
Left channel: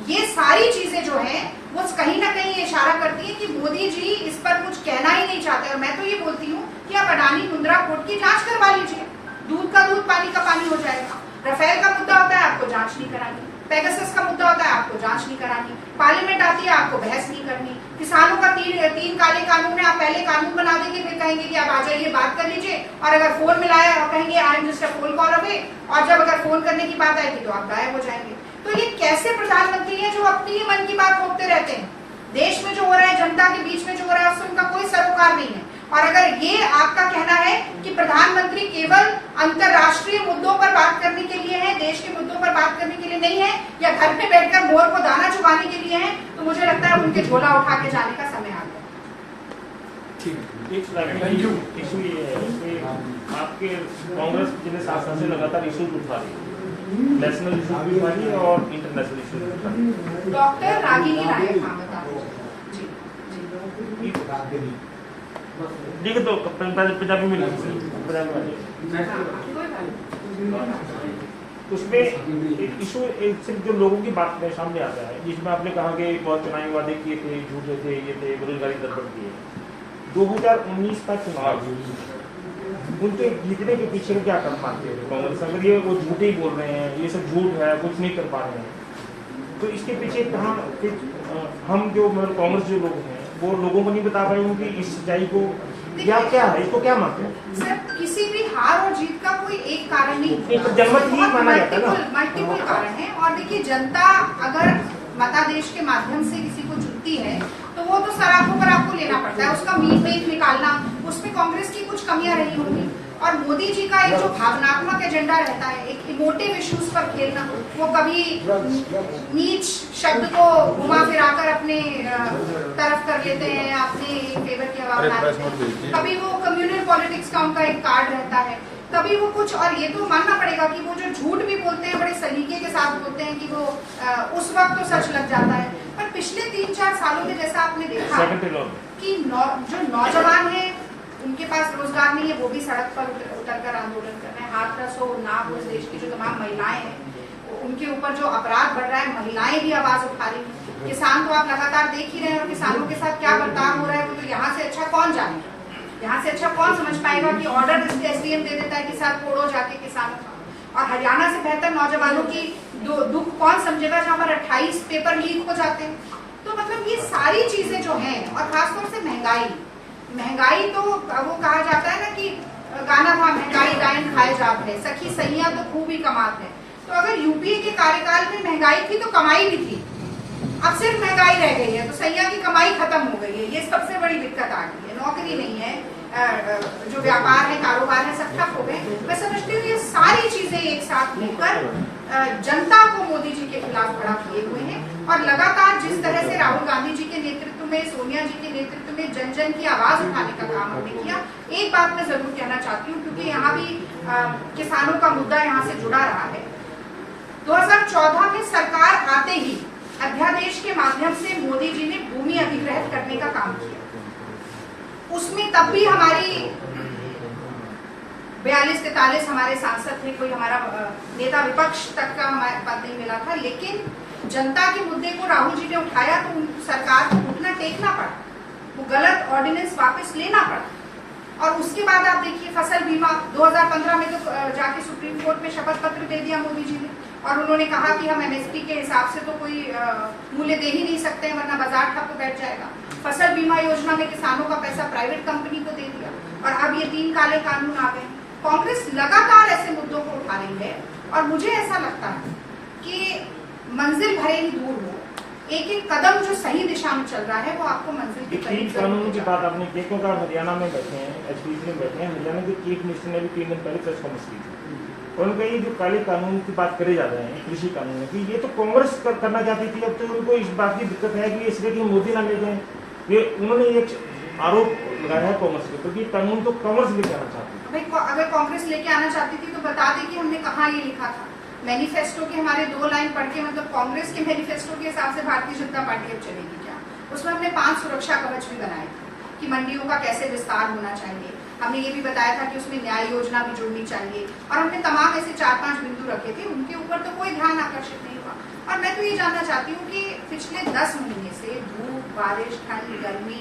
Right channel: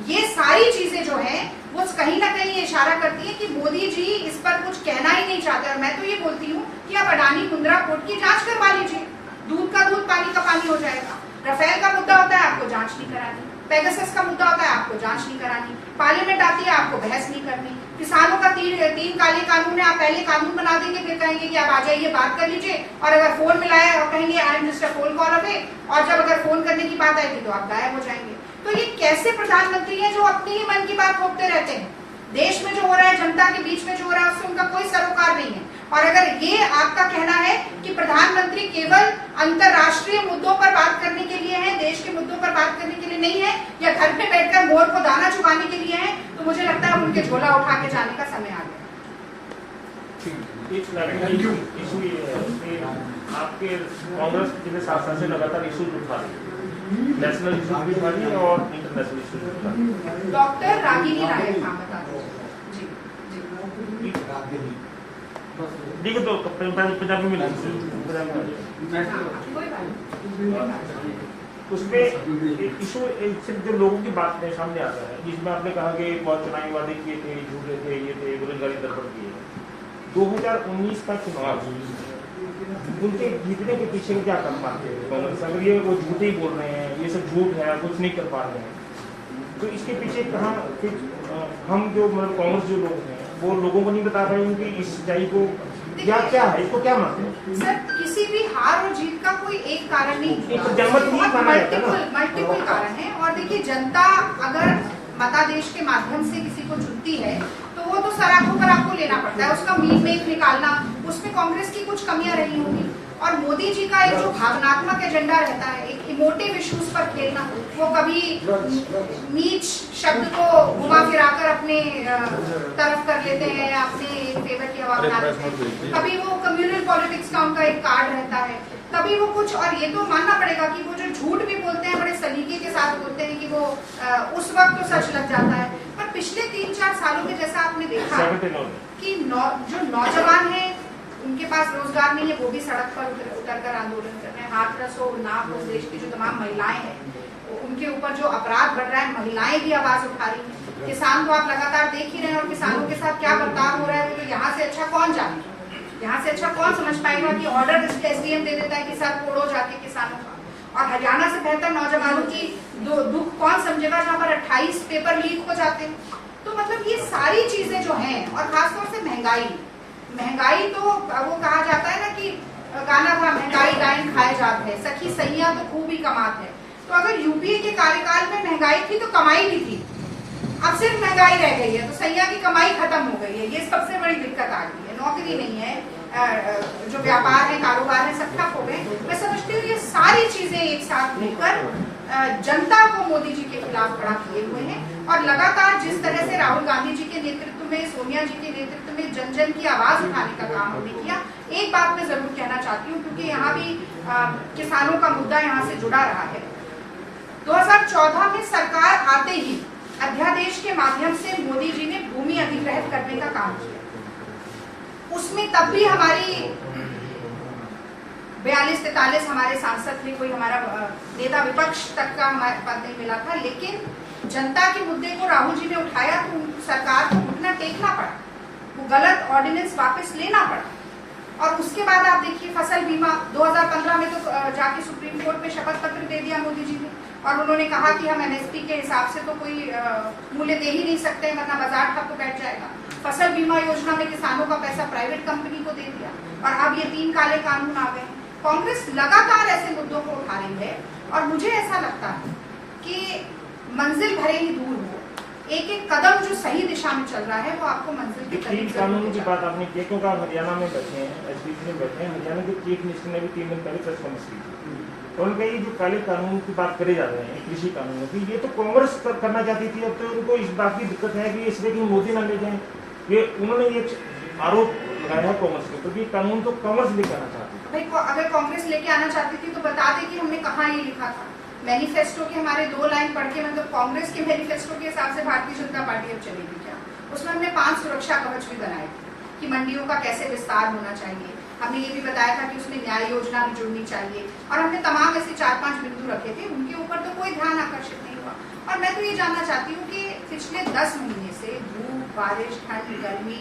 ये सारी चीजें जो हैं वो कहीं ना कहीं ये इशारा करती है कि मोदी जी इस पर कुछ कहना ही नहीं चाहते। और मैं तो ये बोलती हूँ कि आप अडानी मुंद्रा पोर्ट की जांच करवा लीजिए, दूध का दूध पानी का पानी हो जाएगा। रफेल का मुद्दा होता है, आपको जांच नहीं करानी। पेगासस का मुद्दा होता है, आपको जांच नहीं करानी। पार्लियामेंट आती है, आपको बहस नहीं करनी। किसानों का 3 काले कानून है, आप पहले कानून बना देंगे, फिर कहेंगे कि आप आ जाइए बात कर लीजिए, और अगर फोन मिलाया और कहेंगे I am just a phone call away, और जब अगर फोन करने की बात आएगी तो आप गायब हो जाएंगे। तो ये कैसे प्रधानमंत्री हैं जो अपनी ही मन की बात रोकते रहते हैं? देश में जो हो रहा है, जनता के बीच में जो हो रहा है, उससे उनका कोई सरोकार नहीं है। और अगर ये आपका कहना है कि प्रधानमंत्री केवल अंतर्राष्ट्रीय मुद्दों पर बात करने के लिए है, देश के मुद्दों पर बात करने के लिए नहीं है, या घर पे बैठकर मोर को दाना चुगाने के लिए है, तो मुझे लगता है उनके झोला उठा के जाने का समय आ गया। इशू ये है कि आपके कांग्रेस जिन्हें 7 साल से लगातार इशू उठा रही है, नेशनल इशू भी उठा रही है और इंटरनेशनल इशू भी उठा रही है। डॉक्टर रागिनी नायक, हाँ बता जी ठीक है, तो पंजाबी में उसमें इशू सिर्फ जो लोगों की बात में सामने आता है, जिसमें आपने कहा कि बहुत चुनावी वादे किए थे, झूठे थे, ये थे, बेरोजगारी दर बढ़ गई है। 2019 का चुनाव उनके जीतने के पीछे क्या कर पाते हैं कांग्रेस? अगर ये वो झूठे ही बोल रहे हैं, ये सब झूठ है, कुछ नहीं कर पा रहे हैं, तो इसके पीछे कहाँ हम जो मतलब कांग्रेस जो लोग हैं वो लोगों को नहीं बता रहे हैं कि इस सच्चाई को क्या है, इसको क्या मानते हैं? सर, किसी भी हार और जीत का कोई एक कारण नहीं एक तो जनमत ही माना जाता है ना। मल्टीपल कारण है। और देखिए, जनता अगर मतादेश के माध्यम से किसी को चुनती है तो वो तो सराखों पर आपको लेना पड़ता है, उसका मीट मेट निकालना, उसमें कांग्रेस की कुछ कमियां रही होंगी। और मोदी जी का एक जो भावनात्मक एजेंडा रहता है, एक इमोटिव इश्यूज पर खेलना, वो कभी नीच शब्द को घुमा फिराकर अपने तरफ कर लेते हैं, अपने फेवर की हवा बना देते हैं, कभी वो कम्युनल पॉलिटिक्स का उनका एक कार्ड रहता है, कभी वो कुछ। और ये तो मानना पड़ेगा कि वो जो झूठ भी बोलते हैं बड़े सलीके के साथ बोलते हैं कि वो उस वक्त तो सच लग जाता है। पर पिछले 3-4 सालों में जैसा आपने देखा कि जो नौजवान है उनके पास रोजगार नहीं है, वो भी सड़क पर उतरकर आंदोलन कर रहे हैं। हाथरस हो, नाप, उस देश की जो तमाम महिलाएं हैं उनके ऊपर जो अपराध बढ़ रहा है, महिलाएं भी आवाज उठा रही हैं। किसान तो आप लगातार देख ही रहे हैं, और किसानों के साथ क्या बर्ताव हो रहा है वो तो यहाँ से अच्छा कौन जाने, यहाँ से अच्छा कौन समझ पाएगा कि ऑर्डर एसडीएम दे देता है कि सर फोड़ो जाके किसानों का। और हरियाणा से बेहतर नौजवानों की दुख कौन समझेगा जहाँ पर 28 पेपर लीक हो जाते हैं। तो मतलब ये सारी चीजें जो हैं, और खासतौर से महंगाई तो वो कहा जाता है ना कि गाना था, महंगाई डायन खाए जात है, सखी सैया तो खूब ही कमात है। तो अगर यूपीए के कार्यकाल में महंगाई थी तो कमाई भी थी, अब सिर्फ महंगाई रह गई है, तो सैया की कमाई खत्म हो गई है। ये सबसे बड़ी दिक्कत आ गई है, नौकरी नहीं है, जो व्यापार है, कारोबार है, सब ठप हो गए। मैं समझती हूँ ये सारी चीजें एक साथ मिलकर जनता को मोदी जी के खिलाफ खड़ा किए हुए हैं। और लगातार जिस तरह से राहुल गांधी जी के नेतृत्व में, सोनिया जी के नेतृत्व में जन जन की आवाज उठाने का काम हमने किया। एक बात मैं जरूर कहना चाहती हूँ, क्योंकि यहाँ भी किसानों का मुद्दा यहाँ से जुड़ा रहा है। 2014 में सरकार आते ही अध्यादेश के माध्यम से मोदी जी ने भूमि अधिग्रहित करने का काम किया। उसमें तब भी हमारी 42-43 हमारे सांसद थे, कोई हमारा नेता विपक्ष तक का हमारे पद नहीं मिला था। लेकिन जनता के मुद्दे को राहुल जी ने उठाया तो सरकार को घुटना टेकना पड़ा, वो गलत ऑर्डिनेंस वापस लेना पड़ा। और उसके बाद आप देखिए फसल बीमा 2015 में तो जाके सुप्रीम कोर्ट में शपथ पत्र दे दिया मोदी जी ने, और उन्होंने कहा कि हम एमएसपी के हिसाब से तो कोई मूल्य दे ही नहीं सकते, वरना बाजार ठप बैठ जाएगा। फसल बीमा योजना में किसानों का पैसा प्राइवेट कंपनी को दे दिया, और अब ये 3 काले कानून आ गए। कांग्रेस लगातार ऐसे मुद्दों को उठा रही है, और मुझे ऐसा लगता है कि मंजिल भले ही दूर हो, एक एक कदम जो सही दिशा में चल रहा है वो आपको मंजिल के करीब कानून की बात आपने की, क्योंकि आप हरियाणा में बैठे हैं, एचपीसी में बैठे हैं। हरियाणा के चीफ मिनिस्टर ने भी 3 दिन पहले प्रेस कॉन्फ्रेंस की थी, और उनका ये जो काले कानून की बात करे जा रहे हैं कृषि कानून में, ये तो कांग्रेस करना चाहती थी, अब तो उनको इस बात की दिक्कत है कि इसलिए कि मोदी ना ले जाए। ये उन्होंने एक आरोप लगाया है कांग्रेस पे, तो ये कानून तो कांग्रेस लेके आना चाहती है। भाई अगर कांग्रेस लेके आना चाहती थी तो बता दे कि हमने कहाँ ये लिखा था। मैनिफेस्टो के हमारे 2 लाइन पढ़ के, मतलब कांग्रेस के मैनिफेस्टो के हिसाब से भारतीय जनता पार्टी अब चलेगी क्या? उसमें हमने 5 सुरक्षा कवच भी बनाए थे कि मंडियों का कैसे विस्तार होना चाहिए। हमने ये भी बताया था कि उसमें न्याय योजना भी जुड़नी चाहिए, और हमने तमाम ऐसे 4-5 बिंदु रखे थे। उनके ऊपर तो कोई ध्यान आकर्षित नहीं हुआ। और मैं तो ये जानना चाहती हूँ कि पिछले 10 महीने से धूप, बारिश, ठंड, गर्मी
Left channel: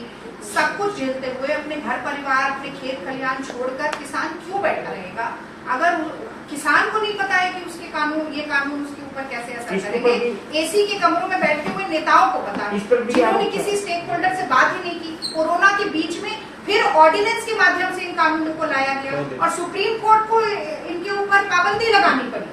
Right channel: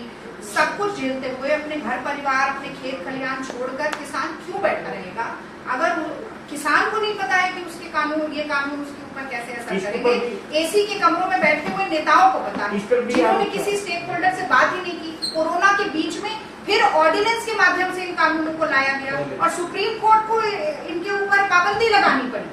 सब कुछ झेलते हुए अपने घर परिवार, अपने खेत खलिहान छोड़कर किसान क्यों बैठा रहेगा? अगर किसान को नहीं पता है कि उसके कानून, ये कानून उसके ऊपर कैसे असर करेंगे, एसी के कमरों में बैठे हुए नेताओं को पता है, जिन्होंने किसी स्टेक होल्डर से बात ही नहीं की। कोरोना के बीच में फिर ऑर्डिनेंस के माध्यम से इन कानूनों को लाया गया, और सुप्रीम कोर्ट को इनके ऊपर पाबंदी लगानी पड़ी।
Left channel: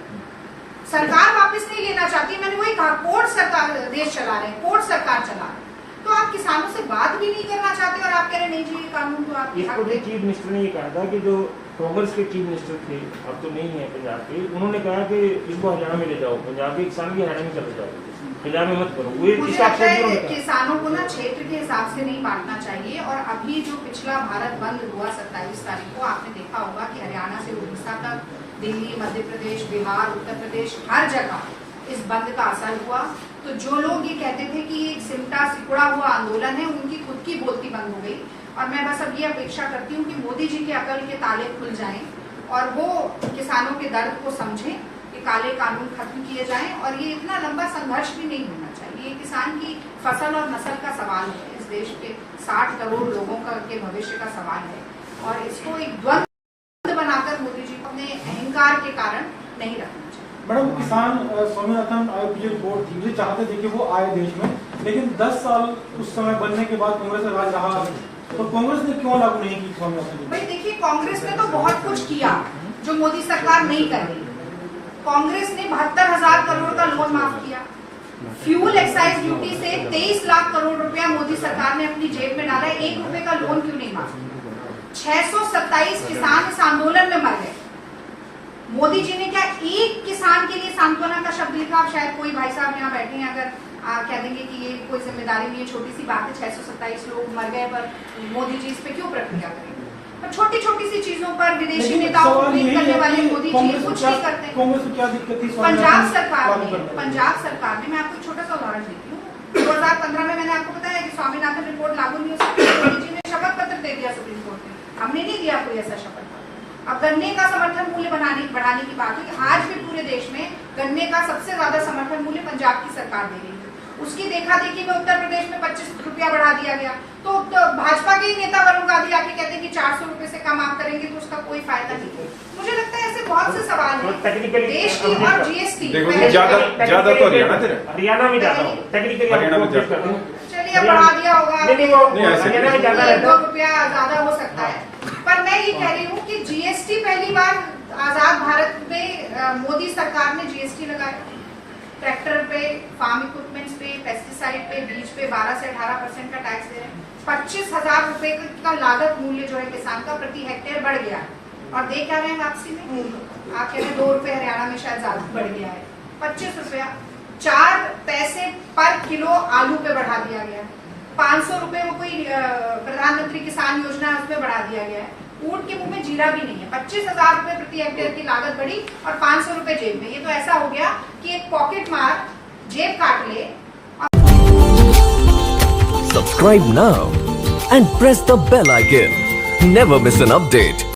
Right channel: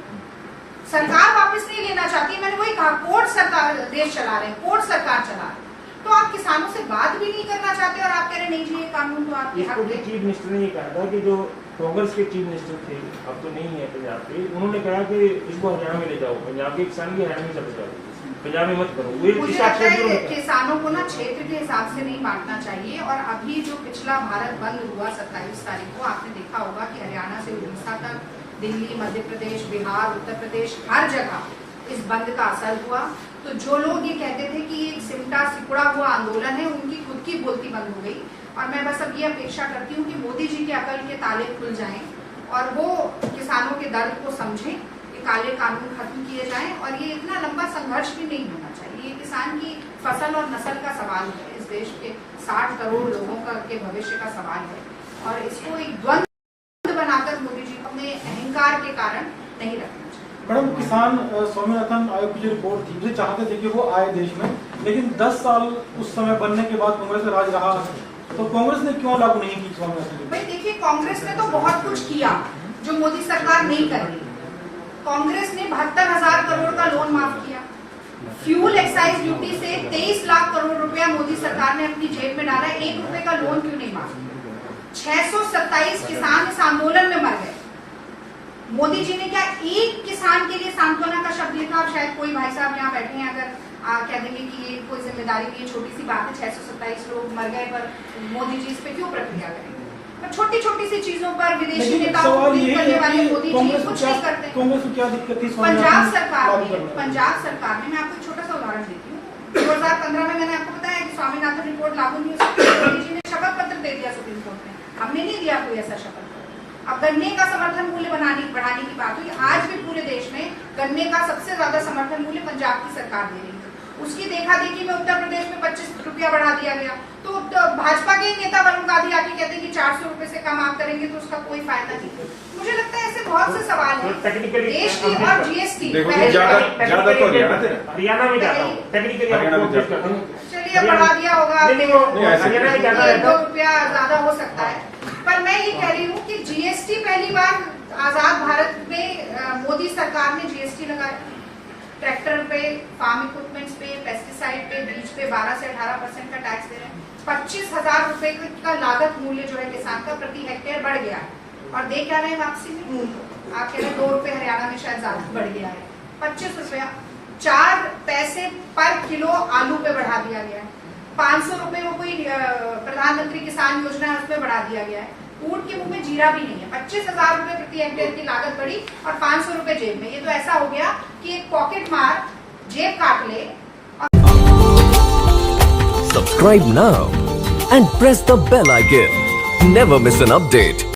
सरकार वापस नहीं लेना चाहती। मैंने वही कहा, कोर्ट सरकार देश चला रहे हैं, कोर्ट सरकार चला रहे हैं, तो आप किसानों से बात भी नहीं करना चाहते, और आप कह रहे नहीं जी ये कानून तो आपके हक है। चीफ मिनिस्टर ने ये कहा था कि जो कांग्रेस के चीफ मिनिस्टर थे, अब तो नहीं है पंजाब के, उन्होंने कहा कि इसको हरियाणा में ले जाओ, पंजाब के किसान भी हरियाणा में चले जाओ, पंजाब में मत करो। मुझे लगता है किसानों को ना क्षेत्र के हिसाब से नहीं बांटना चाहिए। और अभी जो पिछला भारत बंद हुआ 27 तारीख को, आपने देखा होगा कि हरियाणा से उड़ीसा तक, दिल्ली, मध्य प्रदेश, बिहार, उत्तर प्रदेश, हर जगह इस बंद का असर हुआ। तो जो लोग ये कहते थे कि ये एक सिमटा सिकुड़ा हुआ आंदोलन है, उनकी खुद की बोलती बंद हो गई। और मैं बस अब ये अपेक्षा करती हूँ कि मोदी जी के अकल के ताले खुल जाएं, और वो किसानों के दर्द को समझें, कि काले कानून खत्म किए जाएं। और ये इतना लंबा संघर्ष भी नहीं होना चाहिए। ये किसान की फसल और नस्ल का सवाल है, इस देश के 60 करोड़ लोगों का के भविष्य का सवाल है, और इसको एक द्वंद्व के कारण नहीं रखना चाहिए। मैडम, किसान स्वामीनाथन आयोग की जो रिपोर्ट थी, मुझे चाहते थे कि वो आए देश में, लेकिन 10 साल उस समय बनने के बाद कांग्रेस का राज रहा, तो कांग्रेस ने क्यों लागू नहीं की स्वामीनाथन? भाई देखिए, कांग्रेस ने तो बहुत कुछ किया जो मोदी सरकार नहीं कर रही। कांग्रेस ने 72,000 करोड़ का लोन माफ किया। फ्यूल एक्साइज ड्यूटी से 23 लाख करोड़ रुपया मोदी सरकार ने अपनी जेब में डाला। 1 रुपए का लोन क्यों नहीं माफ किया? 627 किसान इस आंदोलन में मर गए। मोदी जी ने क्या एक किसान के लिए सांत्वना का शब्द लिखा? आप शायद कोई भाई साहब यहाँ बैठे हैं, अगर कह देंगे कि ये कोई जिम्मेदारी नहीं है, छोटी सी बात है, 627 लोग मर गए, पर मोदी जी इस पे क्यों प्रक्रिया करेंगे? पर छोटी छोटी सी चीजों पर विदेशी नेताओं को ट्वीट करने वाले मोदी जी कुछ नहीं करते। कांग्रेस को क्या दिक्कत थी? पंजाब सरकार ने मैं आपको एक छोटा सा उदाहरण देती हूँ। 2015 में मैंने आपको बताया कि स्वामीनाथन रिपोर्ट लागू नहीं हो सकती, मोदी जी ने शपथ पत्र दे दिया सुप्रीम कोर्ट में। हमने नहीं दिया कोई ऐसा शपथ पत्र। अब गन्ने का समर्थन मूल्य बढ़ाने की बात हुई। आज भी पूरे देश में गन्ने का सबसे ज्यादा समर्थन मूल्य पंजाब की सरकार दे रही है। उसकी देखा देखी में उत्तर प्रदेश में 25 रुपया बढ़ा दिया गया। तो भाजपा के नेता वरुण गांधी आके कहते हैं कि 400 रुपए से कम आप करेंगे तो उसका कोई फायदा नहीं है। मुझे लगता है ऐसे बहुत से सवाल हैं देश की। और जीएसटी ज्यादा तो हरियाणा में जाता हूँ, टेक्निकली चलिए बढ़ा दिया होगा, हरियाणा में ज्यादा रहता 2 रुपया ज्यादा हो सकता है। पर मैं ये कह रही हूँ कि जीएसटी पहली बार आजाद भारत में मोदी सरकार ने जीएसटी लगाया। ट्रैक्टर पे, फार्म इक्विपमेंट्स पे, पेस्टिसाइड पे, बीज पे 12 से 18% का टैक्स दे रहे हैं। 25,000 रुपए का लागत मूल्य जो है किसान का प्रति हेक्टेयर बढ़ गया है। और दे क्या रहे हैं वापसी में? आप कह रहे हैं 2 रुपए, हरियाणा में शायद ज्यादा बढ़ गया है। 25 रुपया, 4 पैसे पर किलो आलू पे बढ़ा दिया गया है। 500 रुपए वो कोई प्रधानमंत्री किसान योजना है उसमें बढ़ा दिया गया है। ऊंट के मुंह में जीरा भी नहीं है। 25,000 रुपए प्रति हेक्टेयर की लागत बढ़ी और 500 रुपए जेब में। ये तो ऐसा हो गया कि एक पॉकेट मार जेब काट ले। Subscribe now and press the bell icon. Never miss an update.